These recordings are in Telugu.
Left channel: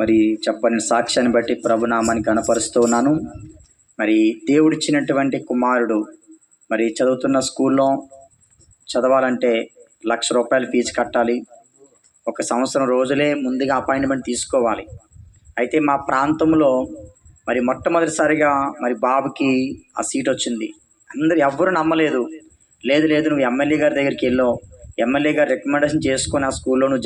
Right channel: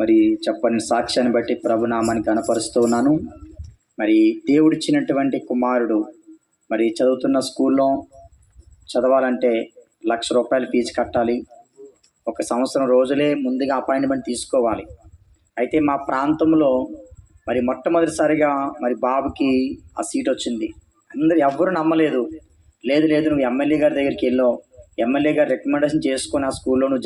మరి చెప్పని సాక్ష్యాన్ని బట్టి ప్రభునామాన్ని కనపరుస్తూ ఉన్నాను. మరి దేవుడిచ్చినటువంటి కుమారుడు మరి చదువుతున్న స్కూల్లో చదవాలంటే ₹1,00,000 ఫీజు కట్టాలి. 1 సంవత్సరం రోజులే ముందుగా అపాయింట్మెంట్ తీసుకోవాలి. అయితే మా ప్రాంతంలో మరి మొట్టమొదటిసారిగా మరి బాబుకి ఆ సీట్ వచ్చింది. అందరు ఎవ్వరు నమ్మలేదు. లేదు నువ్వు ఎమ్మెల్యే గారి దగ్గరికి వెళ్ళావు, ఎమ్మెల్యే గారు రికమెండేషన్ చేసుకొని ఆ స్కూల్లో నువ్వు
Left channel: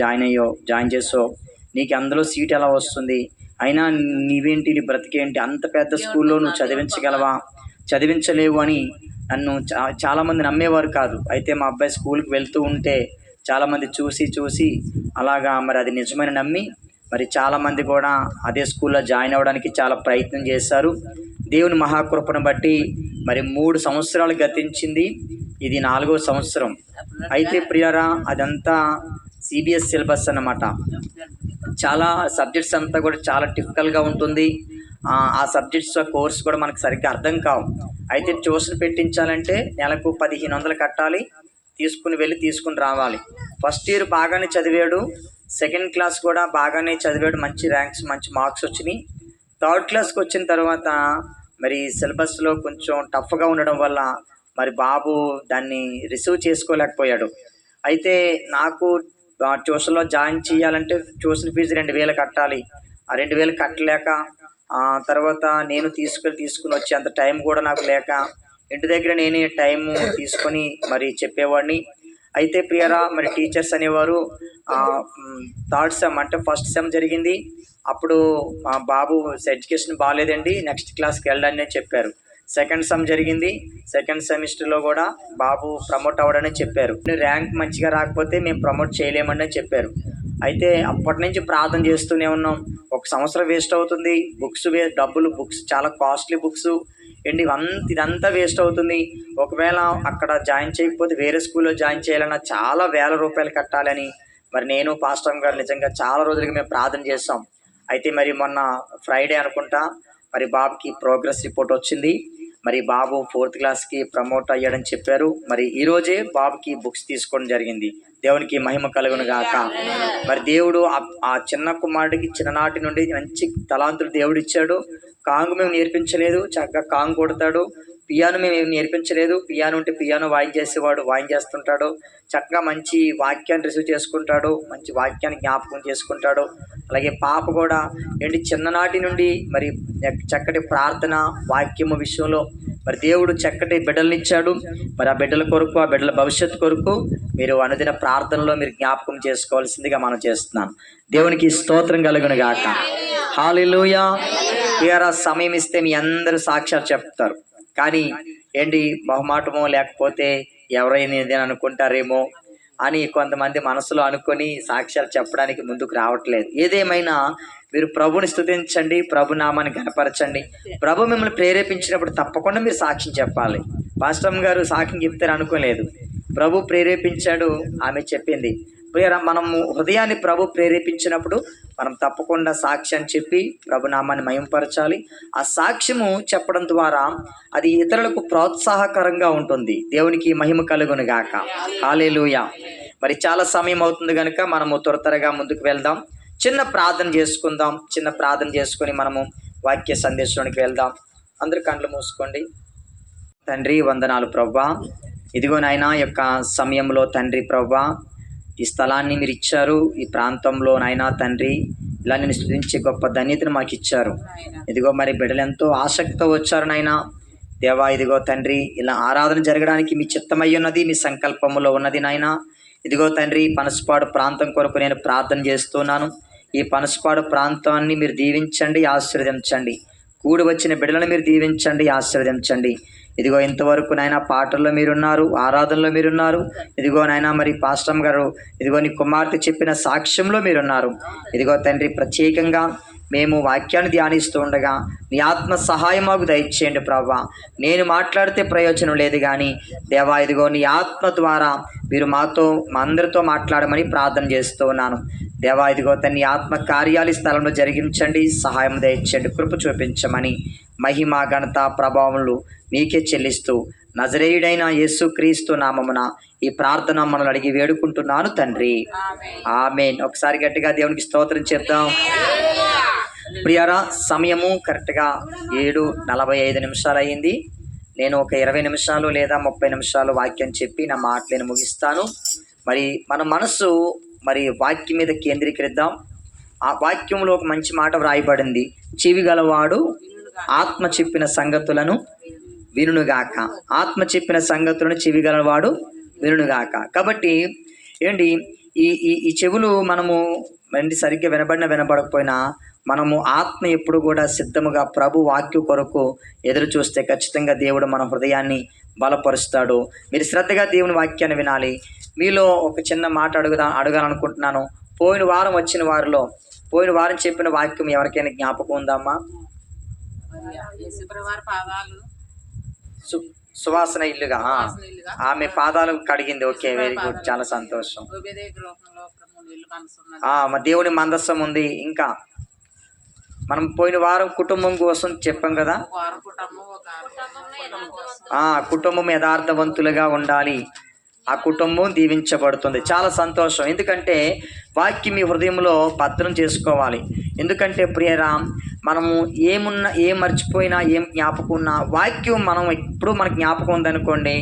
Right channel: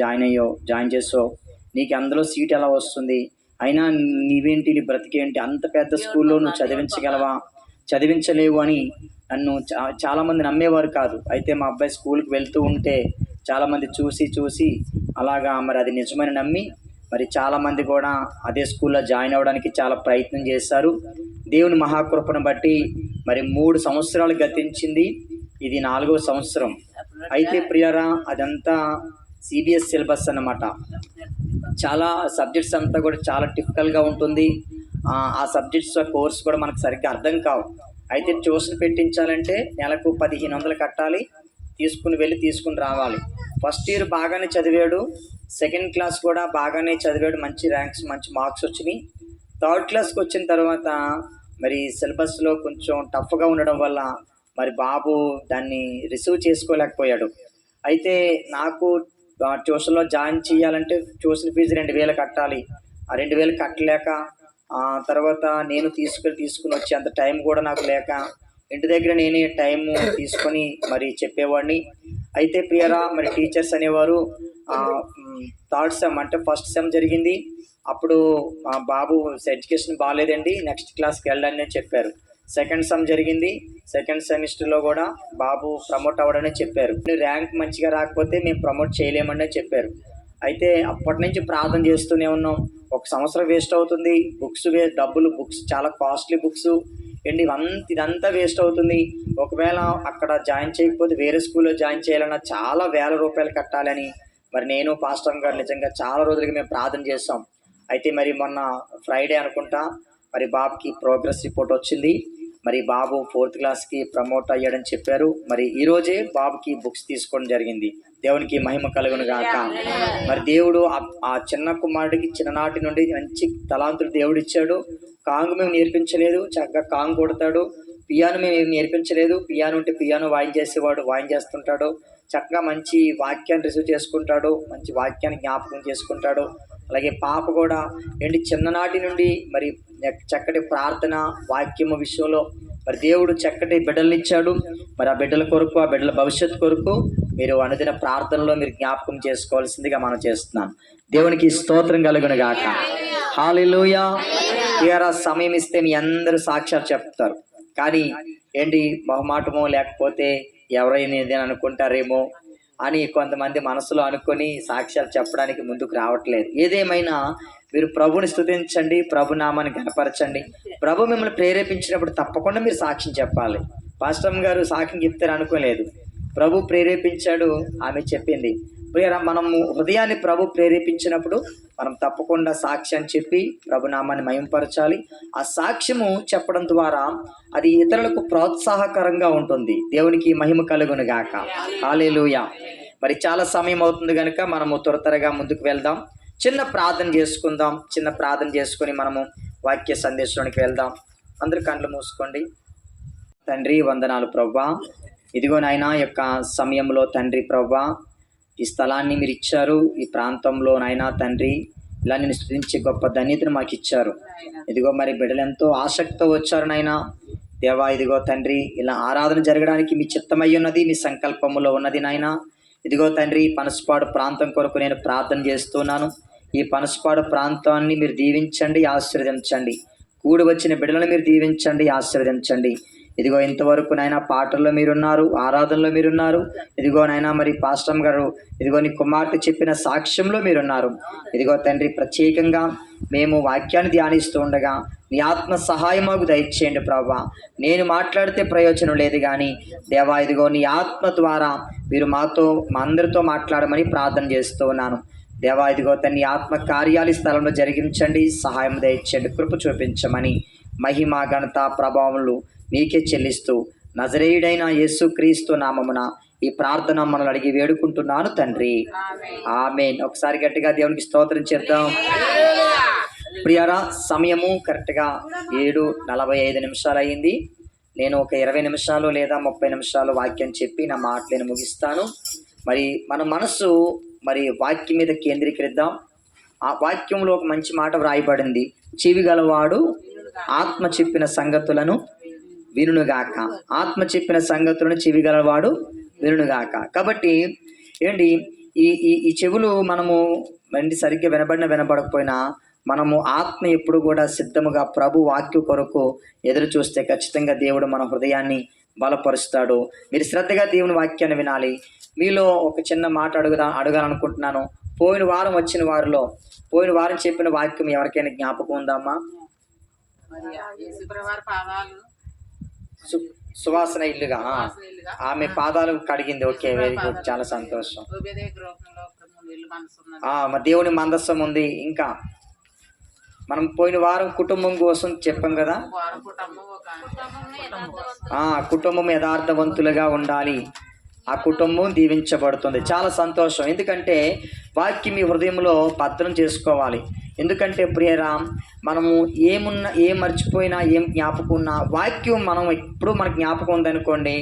జాయిన్ చేసావు, నీకు అందులో సీట్ ఎలా వస్తుంది, అయినా నీవేంటి, నీ బ్రతికేంటి, అంత పెద్ద స్కూల్లో నువ్వు చదివించగలవా, చదివించలేవు అని నన్ను చాలామంది నమ్మేవారు కాదు. అయితే మా అబ్బాయి స్కూల్కి వెళ్తూ ఉంటే చాలామంది చూసి అలాగా మరి అది నిజమని నమ్మి మరి చాలామంది కూడా అదే స్కూల్లో జాయిన్ అవ్వడానికి చాలా ప్రయత్నం చేశారు. దేవుని మహాకృపను బట్టి మరి 3 సంవత్సరాలు గతించింది, ఇది 4వ సంవత్సరం. అయితే ప్రియారా, అదంతా CBSE సిలబస్ అన్నమాట. చాలా సబ్జెక్ట్స్ అంతా కూడా చాలా టిపికల్గా ఉంటుంది. ఆ సబ్జెక్ట్స్ కోర్స్ కూడా మనకు సరిగ్గా అర్థం కావు. అయితే ట్యూషన్ పెట్టించాలంటే నెలకు 1,500 కట్టాలి, తీసుకుని రావాలి. ఫస్ట్ ఇయర్ బాగానే చదివాడు, సెకండ్ క్లాస్ కూడా బాగానే చదివాడు, మంచి ర్యాంక్స్ మంచి మార్క్స్ వచ్చినాయి. థర్డ్ క్లాస్కి వచ్చిన తర్వాత మరి సిలబస్లో కొంచెం టఫ్గా ఉండడం వల్ల మరి బాబు దాన్ని రిసీవ్ చేసుకోలేకపోయాడు. అయితే నాకు ట్యూషన్లో జాయిన్ చేయాలంటే ట్యూషన్ ఫీజు 2,000 కట్టాలి. ఆ 2,000 కట్టలేక తర్వాత నేను తీసుకుని వచ్చే అంత టైం కూడా నాకు లేక ఇంటి దగ్గర నేనే టైము తీసుకొని మరి చెప్పేవాడిని. అయితే ప్రియరా, మరి టీచర్స్ అనేవారు థర్డ్ సెమ్ అంటే ఫస్ట్ సెమ్ జరిగింది, అప్పుడు మా బాబు ఎడ్యుకేషన్ బాగాలేదండి, నెక్స్ట్ క్లాస్కి వెళ్ళండి అని చెప్పారు. సెకండ్ సెమ్ జరిగింది, సెకండ్ సెమిస్టర్లో కూడా బాబు ప్రమోట్ అవ్వడని చెప్పారు. ర్యాంక్ మంచిగా రాకపోతే మేము ప్రమోట్ చేయలేమని చెప్పారు. అయితే అప్పటి నుంచి ప్రార్థన చేస్తూనే ఉన్నాం. 1 సంవత్సరం వేస్ట్ అవుతుంది, బుక్స్ చాలా కాస్ట్లీ బుక్స్ అండి, ఇదంతా వేస్ట్ అవుతుంది. ఒకవేళ అక్కడ జాయిన్ చేయకపోతే వేరే స్కూల్లో జాయిన్ చేయాలన్నా చాలా ₹1,000 కట్టాలని మరి నేను పాస్టర్ గారు నిజంగా చాలా రోజులుగా మేము ప్రార్థన చేస్తాం. అయితే మరి మొన్న ఫ్రైడే అనుకుంటా మరి బాబుకి ప్రోగ్రెస్ రిపోర్ట్ వచ్చింది. మరి బాబు 4th క్లాస్కి ప్రమోట్ అయ్యాడని చెప్పారు. మరి ఈరోజే బాబుకి బుక్స్ తీసుకోవడం జరిగింది. దేవునికి మహిమ కలుగును గాక. మరి దేవుడు ఆ చిన్న కుమారుడికి చిన్ననాటి నుండి మంచి తలాంతులు దేవుడు ఇచ్చాడు. కాంగు మేము నేర్పించలేదు, చక్కగా కాంగు కొడతాడు. పియానో మేము ఏమి నేర్పించలేదు, పియానో ఉంటే పియానో వాయించేస్తుంటాడు. చక్కగా మంచి వాక్యాన్ని రిసీవ్ చేసుకుంటాడు, మంచి వాక్యాన్ని జ్ఞాపకం చేసుకుంటాడు. అలాగే పాప కూడా చిన్ననాటి నుండి మరి చక్కటి ప్రార్థన వాక్యము విషయంలో మరి దేవుడు చక్కటి బిడ్డలనిచ్చాడు. మరి ఆ బిడ్డల కొరకు, ఆ బిడ్డల భవిష్యత్తు కొరకు మీరు అనుదిన ప్రార్థనలో మీరు జ్ఞాపకం చేసుకోవాల్సిందిగా మనం చేస్తున్నాం. దేవునికి స్తోత్రం కలుగును గాక. హల్లెలూయా. ప్రియరా, సమయం ఇస్తే మీ అందరూ సాక్ష్యాలు చెప్తారు, కానీ బహుమాటమో లేకపోతే ఎవరైనా ఏదైనా అనుకుంటారేమో అని కొంతమంది మనసులో అనుకొని సాక్ష్యాలు చెప్పడానికి ముందుకు రావట్లేదు. ఏదేమైనా మీరు ప్రభుని స్తుతించండి, ప్రభు నామాన్ని ఘనపరచండి. ప్రభు మిమ్మల్ని ప్రేరేపించినప్పుడు తప్పకుండా మీరు సాక్ష్యం చెప్పాలి. పాస్టర్ గారు సాక్ష్యం చెప్తారు అనుకోలేదు, ప్రభు ప్రేరేపించాడు, ఆమె చెప్పింది. మనము హృదయాన్ని ప్రభు ప్రేరేపించినప్పుడు మనం తప్పకుండా సాక్ష్యం చెప్పి ప్రభునామాన్ని మహిమపరచాలి. ఆ సాక్ష్యము చెప్పడం ద్వారా అది ఇతరులకు ప్రోత్సాహకరంగా ఉంటుంది. దేవునికి మహిమ కలుగును గాక. హల్లెలూయా. మరి చాలా సమయం అవుతుంది కనుక మనము త్వరగా ముందుకు వెళ్దాం. చిన్న ప్రార్థన చేసుకొని మనము వాక్య సందేశానికి వెళ్దాం. అందరూ కళ్ళు మూసుకోండి. తండ్రి, వందనాలు ప్రభువా. ఇదిగో నాయనా, యొక్క సమయంలో తండ్రి ప్రభువా, ఈ స్థలాన్ని మీరు ఇచ్చారు. ఈ ప్రాంతంలో నాయనా తండ్రి ఇలా నేను స్తుతించే గొప్ప ధన్యతను మాకు ఇచ్చారు. ఇదిగో మరి బిడ్డలు ఎంతో ఆసక్తితో వచ్చారు నాయనా దేవా. ఇదిగో తండ్రి, ఇలా ఆరాధన జరగడానికి మీ చిత్తమై ఉన్నది, మీ సంకల్పంలో ఉన్నది నాయనా. ఇదిగో తండ్రి, పనసపాడు ప్రాంతం కొరకు నేను ప్రార్థన చేస్తున్నాను. ఈ పనసపాడు ప్రాంతాన్ని మీరు దీవించండి, ఆశీర్వదించండి. కూడి వచ్చిన బిడ్డలను మీరు దీవించండి, ఆశీర్వదించండి. ఇదిగో ఇంతవరకు నాయన పాటల్లో మీరున్నారు, ఆరాధనలో మీరున్నారు. ఇదిగో నాయన మరి పాస్టర్ గారు, ఇదిగో నీ కుమార్తె చెప్పిన సాక్ష్యంలో మీరున్నారు. ఇదిగో తండ్రి, ప్రత్యేకంగా మేము వాక్యాన్ని ధ్యానిస్తూ ఉండగా నీ ఆత్మ సహాయం మాకు దయచేయండి ప్రభా. నేను మాట్లాడితే ప్రయోజనం లేదు కానీ దేవా, ఇదిగో నీ ఆత్మ ద్వారా మీరు మా అందరితో మాట్లాడమని ప్రార్థన చేస్తూ ఉన్నాను. దేవా, ఇదిగో నీ ఆత్మ కార్యాలు స్థలంలో జరిగించండి, సహాయం దయచేయండి, కృప చూపించమని మహిమ ఘనత ప్రభావములు మీకే చెల్లిస్తూ నజరేయుడైన యేసుక్రీస్తు నామమున ఈ ప్రార్థన మనల్ని అడిగి వేడుకుంటున్నాను తండ్రి, ఆమేన్. ఒకసారి గట్టిగా దేవునికి స్తోత్రం చెప్దాం. ప్రియారా, సమయము కరెక్ట్గా 7:45 అయింది. నేను ఒక 20 నిమిషాలు లేదా 30 నిమిషాలు వాక్యం చెప్పి నా మాటలను ముగిస్తాను. మరి మన మనసు మరి వాక్యం మీద కేంద్రీకరిద్దాం. ఆ వాక్యంలో ఒక మంచి మాట వ్రాయబడింది, చెవి గలవాడు ఆత్మ చెప్పిన సంగతులను వినుగాక. ఆత్మ చెప్పిన సంగతులను చెవి గలవాడు వినుగాక. కాబట్టి ఏంటి ఈ ఈ ఈ చెవులు మనము సరిగ్గా వినపడకపోయినా మనము ఆత్మ ఎప్పుడు కూడా సిద్ధముగా ప్రభు వాక్య కొరకు ఎదురు చూస్తే ఖచ్చితంగా దేవుడు మన హృదయాన్ని బలపరుస్తాడు. మీరు శ్రద్ధగా దేవుని వాక్యాన్ని వినాలి. మీలో ఒక చిన్న మాట అడగాలనుకుంటున్నాను. పోయిన వారం చెప్పిన వాక్యం ఎవరికైనా జ్ఞాపకం ఉందమ్మా? సువాసన ఇల్లుగా ఆమె పాదాలు కడిగింది. ఓకే, వెరీ గుడ్, చాలా సంతోషం. మా దేవుని మందస్సం ఉంది. ఇంకా మనం పోయిన వారం కుటుంబం కోసం చెప్పాం కదా, కుటుంబం యథార్థవంతులుగా ఉండాలి, ఆ కుటుంబం దీవించబడుతుంది. చాలా సంతోషం. ఎందుకంటే వాక్యం మీ హృదయంలో భద్రం చేసుకోవాలి. ఎందుకంటే ప్రియరామ్, మనము ఏం మర్చిపోయినా ఏం జ్ఞాపకం ఉన్నా వాక్యం మనం ఎప్పుడు మన జ్ఞాపకం ఉందనుకోండి,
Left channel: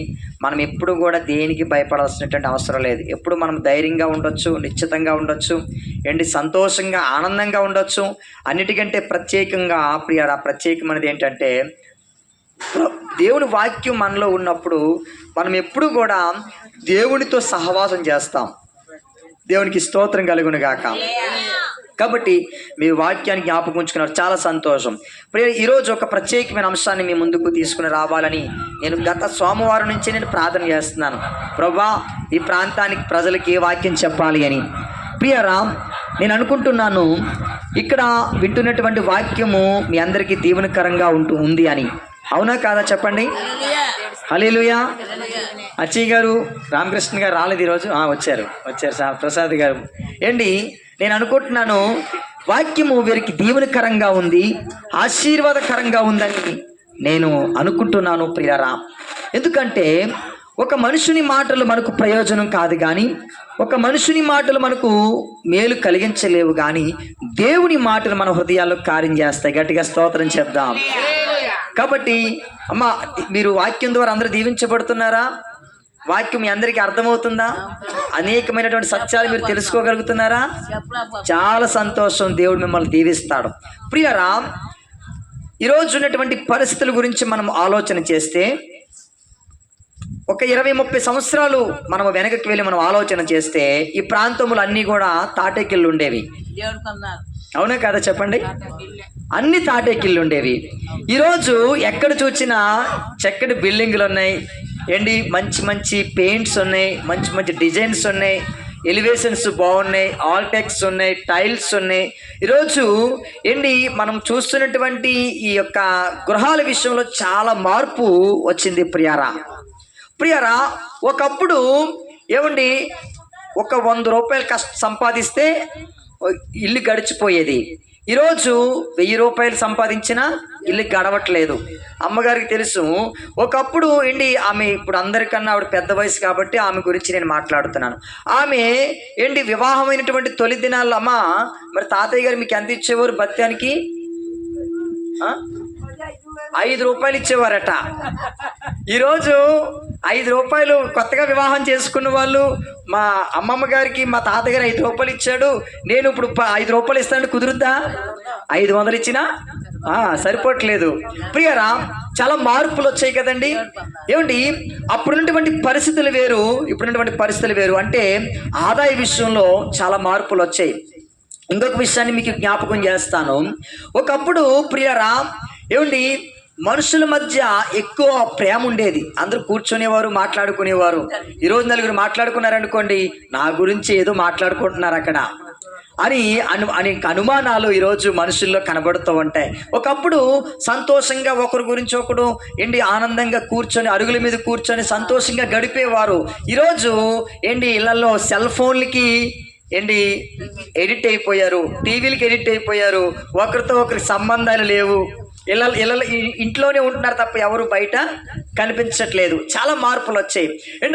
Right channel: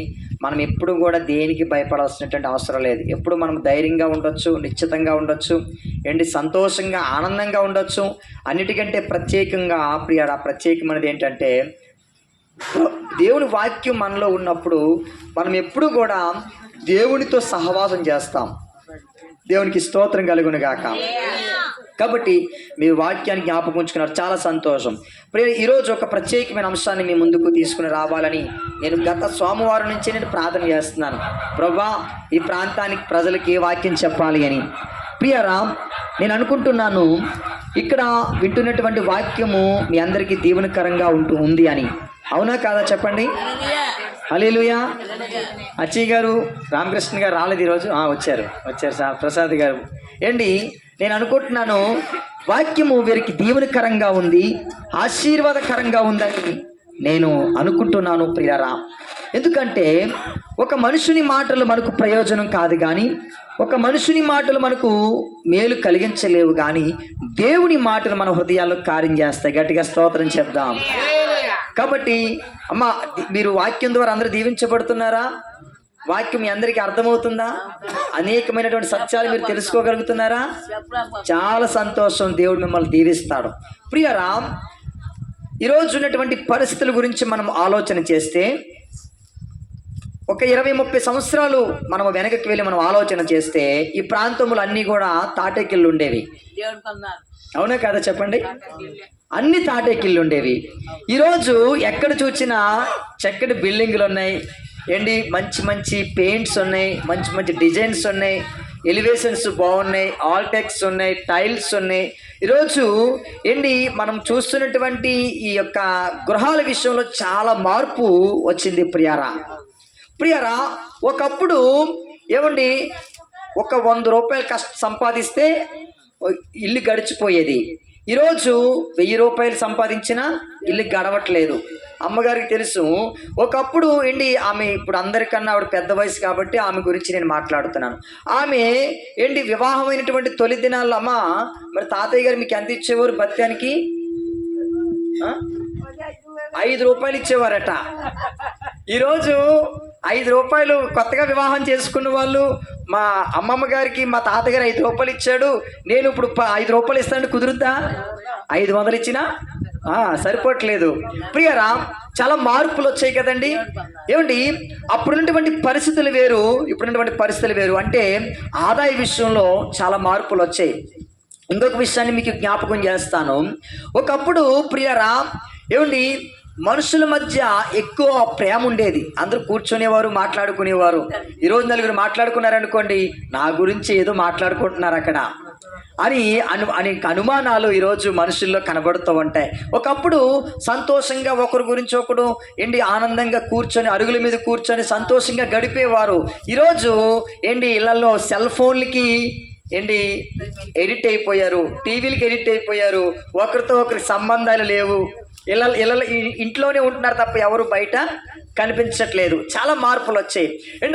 మనం ఎప్పుడు కూడా దేనికి భయపడాల్సినటువంటి అవసరం లేదు. ఎప్పుడు మనం ధైర్యంగా ఉండొచ్చు, నిశ్చితంగా ఉండొచ్చు, సంతోషంగా ఆనందంగా ఉండొచ్చు. అన్నిటికంటే ప్రత్యేకంగా ప్రియరా, ప్రత్యేకమైనది ఏంటంటే దేవుని వాక్యం మనలో ఉన్నప్పుడు మనం ఎప్పుడు కూడా దేవునితో సహవాసం చేస్తాం. దేవునికి స్తోత్రం కలుగును గాక. కాబట్టి మీ వాక్యాన్ని జ్ఞాపకం ఉంచుకున్నారు, చాలా సంతోషం. ఈరోజు ఒక ప్రత్యేకమైన అంశాన్ని మీ ముందుకు తీసుకుని రావాలని నేను గత సోమవారం నుంచి నేను ప్రార్థన చేస్తున్నాను. ప్రభువా, ఈ ప్రాంతానికి ప్రజలకి ఏ వాక్యం చెప్పాలి అని. ప్రియరా, నేను అనుకుంటున్నాను ఇక్కడ వింటున్నటువంటి వాక్యము మీ అందరికీ దీవెనకరంగా ఉంది అని. అవునా కాదా చెప్పండి? హల్లెలూయా. అచ్చయ్య గారు, రామకృష్ణ గారు రాలేదు ఈరోజు. వచ్చారు సార్, ప్రసాద్ గారు. నేను అనుకుంటున్నాను వాక్యము వీరికి దీవెనకరంగా ఉంది, ఆశీర్వాదకరంగా ఉందని నేను అనుకుంటున్నాను ప్రియరా. ఎందుకంటే ఒక మనుషుని మాటలు మనకు ప్రయోజనం కాదు, కానీ ఒక మనుషుని మాటలు మనకు మేలు కలిగించలేవు, కానీ దేవుని మాటలు మన హృదయాల్లో కార్యం చేస్తాయి. గట్టిగా స్తోత్రం చెప్దాం. కాబట్టి అమ్మ, మీరు వాక్యం ద్వారా అందరూ దీవించబడుతున్నారా? వాక్యం మీ అందరికీ అర్థమవుతుందా? అనేకమైనటువంటి సత్యాలు మీరు తెలుసుకోగలుగుతున్నారా? చాలా సంతోషం. దేవుడు మిమ్మల్ని దీవిస్తాడు. ప్రియరా, ఈరోజు ఉన్నటువంటి పరిస్థితుల గురించి మనం ఆలోచన చేస్తే ఒక 20-30 సంవత్సరాలు మనం వెనకకి వెళ్ళి మనం ఆలోచన చేస్తే ఈ ప్రాంతములు అన్నీ కూడా తాటేకిళ్ళు ఉండేవి. అవునా కదా చెప్పండి? అన్ని తాటేకిళ్ళు ఉండేవి. ఈరోజు ఎక్కడ చూసినా చక్కటి బిల్డింగ్లు ఉన్నాయి, మంచి మంచి పెయింట్స్ ఉన్నాయి, మంచి మంచి డిజైన్స్ ఉన్నాయి, ఎలివేషన్స్ బాగున్నాయి, ఆల్టెక్స్ ఉన్నాయి, టైల్స్ ఉన్నాయి. ఈరోజు మనం చూస్తున్నటువంటి ఈ యొక్క గృహాల విషయంలో చాలా మార్పు వచ్చింది ప్రియరా. ఒకప్పుడు ఒక 100 రూపాయలు సంపాదిస్తే ఇల్లు గడిచిపోయేది. ఈరోజు 1000 రూపాయలు సంపాదించినా ఇల్లు గడవట్లేదు. అమ్మగారికి తెలుసు. ఒకప్పుడు ఆమె, ఇప్పుడు అందరికన్నా ఆవిడ పెద్ద వయసు కాబట్టి ఆమె గురించి నేను మాట్లాడుతున్నాను. ఆమె వివాహమైనటువంటి తొలి దినాల్లో, అమ్మ మరి తాతయ్య గారు మీకు ఎంత ఇచ్చేవారు బత్యానికి? 5 రూపాయలు ఇచ్చేవారట. ఈరోజు 5 రూపాయలు కొత్తగా వివాహం చేసుకున్న వాళ్ళు, మా అమ్మమ్మ గారికి మా తాతగారు 5 రూపాయలు ఇచ్చాడు, నేను ఇప్పుడు 5 రూపాయలు ఇస్తాను, కుదురుద్దా? 500 ఇచ్చినా సరిపోవట్లేదు. ప్రియరా, చాలా మార్పులు వచ్చాయి కదండి. అప్పుడున్నటువంటి పరిస్థితులు వేరు, ఇప్పుడున్నటువంటి పరిస్థితులు వేరు. అంటే ఆదాయ విషయంలో చాలా మార్పులు వచ్చాయి. ఇంకొక విషయాన్ని మీకు జ్ఞాపకం చేస్తాను. ఒకప్పుడు ప్రియరా, మనుషుల మధ్య ఎక్కువ ప్రేమ ఉండేది. అందరూ కూర్చునేవారు, మాట్లాడుకునేవారు. ఈరోజు నలుగురు మాట్లాడుకున్నారనుకోండి, నా గురించి ఏదో మాట్లాడుకుంటున్నారు అక్కడ అని అనుమానాలు ఈరోజు మనుషుల్లో కనబడుతూ ఉంటాయి. ఒకప్పుడు సంతోషంగా ఒకరి గురించి ఒకడు ఆనందంగా కూర్చొని, అరుగుల మీద కూర్చొని సంతోషంగా గడిపేవారు. ఈరోజు ఇళ్లలో సెల్ ఫోన్లకి ఎడిట్ అయిపోయారు, టీవీలకి ఎడిట్ అయిపోయారు. ఒకరితో ఒకరికి సంబంధాలు లేవు. ఇంట్లోనే ఉంటున్నారు తప్ప ఎవరు బయట కనిపించట్లేదు. చాలా మార్పులు వచ్చాయి.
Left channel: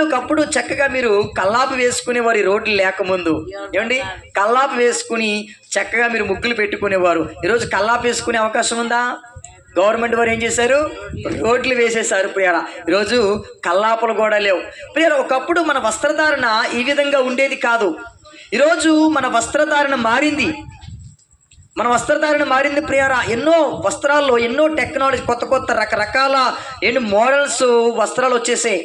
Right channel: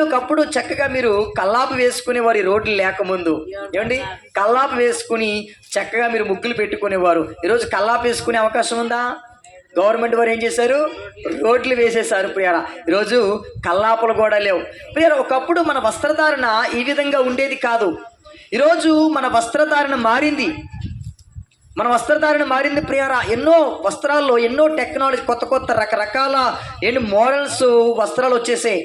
ఒకప్పుడు చక్కగా మీరు కల్లాపు వేసుకునేవారు ఈ రోడ్లు లేకముందు. ఏమండి, కల్లాపు వేసుకుని చక్కగా మీరు ముగ్గులు పెట్టుకునేవారు. ఈరోజు కల్లాపు వేసుకునే అవకాశం ఉందా? గవర్నమెంట్ వారు ఏం చేశారు? రోడ్లు వేసేశారు ప్రియారా. ఈరోజు కల్లాపులు కూడా లేవు ప్రియారా. ఒకప్పుడు మన వస్త్రధారణ ఈ విధంగా ఉండేది కాదు. ఈరోజు మన వస్త్రధారణ మారింది. ప్రియారా. ఎన్నో వస్త్రాల్లో ఎన్నో టెక్నాలజీ, కొత్త రకరకాల మోడల్స్ వస్త్రాలు వచ్చేసాయి.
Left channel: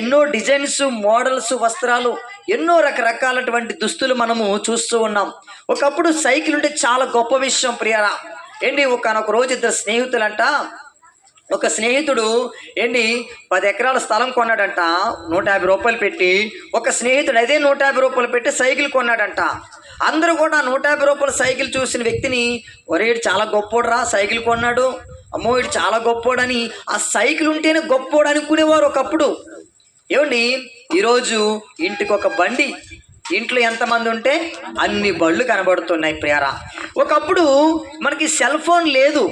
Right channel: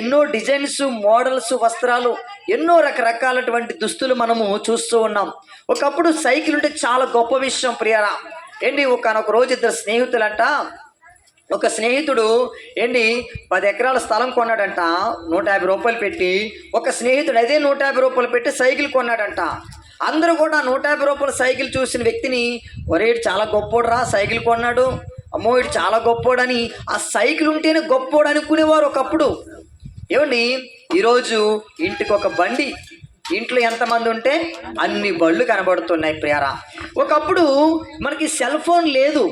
ఎన్నో డిజైన్స్, మోడల్స్ వస్త్రాలు, ఎన్నో రకరకాలటువంటి దుస్తులు మనము చూస్తూ ఉన్నాం. ఒకప్పుడు సైకిల్ ఉంటే చాలా గొప్ప విషయం ప్రియారా. ఒకనొక రోజు ఇద్దరు స్నేహితులంట. ఒక స్నేహితుడు 10 ఎకరాల స్థలం కొన్నాడంట 150 రూపాయలు పెట్టి. ఒక స్నేహితుడు అదే 150 రూపాయలు పెట్టి సైకిల్ కొన్నాడంట. అందరూ కూడా 150 రూపాయల సైకిల్ చూసిన వ్యక్తిని, ఒరే ఇడు చాలా గొప్పోడురా సైకిల్ కొన్నాడు, అమ్మో ఇడు చాలా గొప్పోడని, ఆ సైకిల్ ఉంటేనే గొప్పోడు అనుకునేవారు ఒకప్పుడు. ఈరోజు ఇంటికి ఒక బండి, ఇంట్లో ఎంతమంది ఉంటే అన్ని బళ్ళు కనబడుతున్నాయి ప్రియారా. ఒకప్పుడు మనకి సెల్ ఫోన్ లేదు,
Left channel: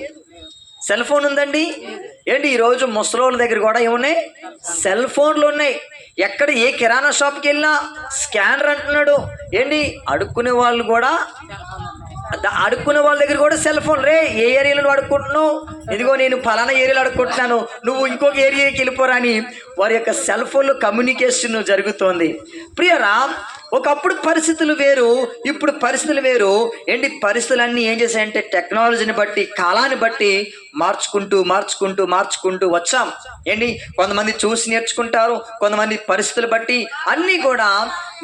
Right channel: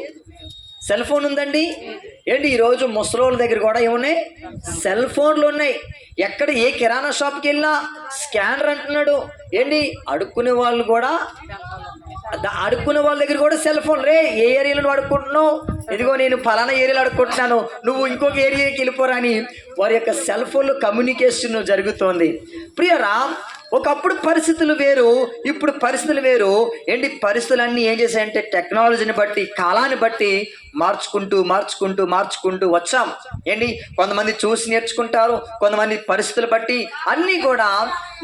సెల్ ఫోన్ ఉందండి. ఈరోజు ముసలోళ్ళ దగ్గర కూడా ఏమున్నాయి? సెల్ ఫోన్లు ఉన్నాయి. ఎక్కడ ఏ కిరాణా షాప్కి వెళ్ళినా స్కానర్ అంటున్నాడు. అడుక్కునే వాళ్ళు కూడా, అడుక్కునే వాళ్ళ దగ్గర కూడా సెల్ ఫోన్. రే ఏ ఏరియాలో అడుక్కుంటున్నావు? ఇదిగో నేను ఫలానా ఏరియాలో అడుక్కుంటున్నాను, నువ్వు ఇంకొక ఏరియాకి వెళ్ళిపోరా అని వారి యొక్క సెల్ ఫోన్లో కమ్యూనికేషన్ జరుగుతోంది ప్రియరా. ఒకప్పుడు పరిస్థితులు వేరు, ఇప్పుడు పరిస్థితులు వేరు. పరిస్థితులన్నీ ఏం చేశాయంటే టెక్నాలజీని బట్టి, కాలాన్ని బట్టి మార్చుకుంటూ వచ్చాం. కొంతమంది చూసి నేర్చుకుంటారు, కొంతమంది పరిస్థితులు బట్టి అన్నీ కూడా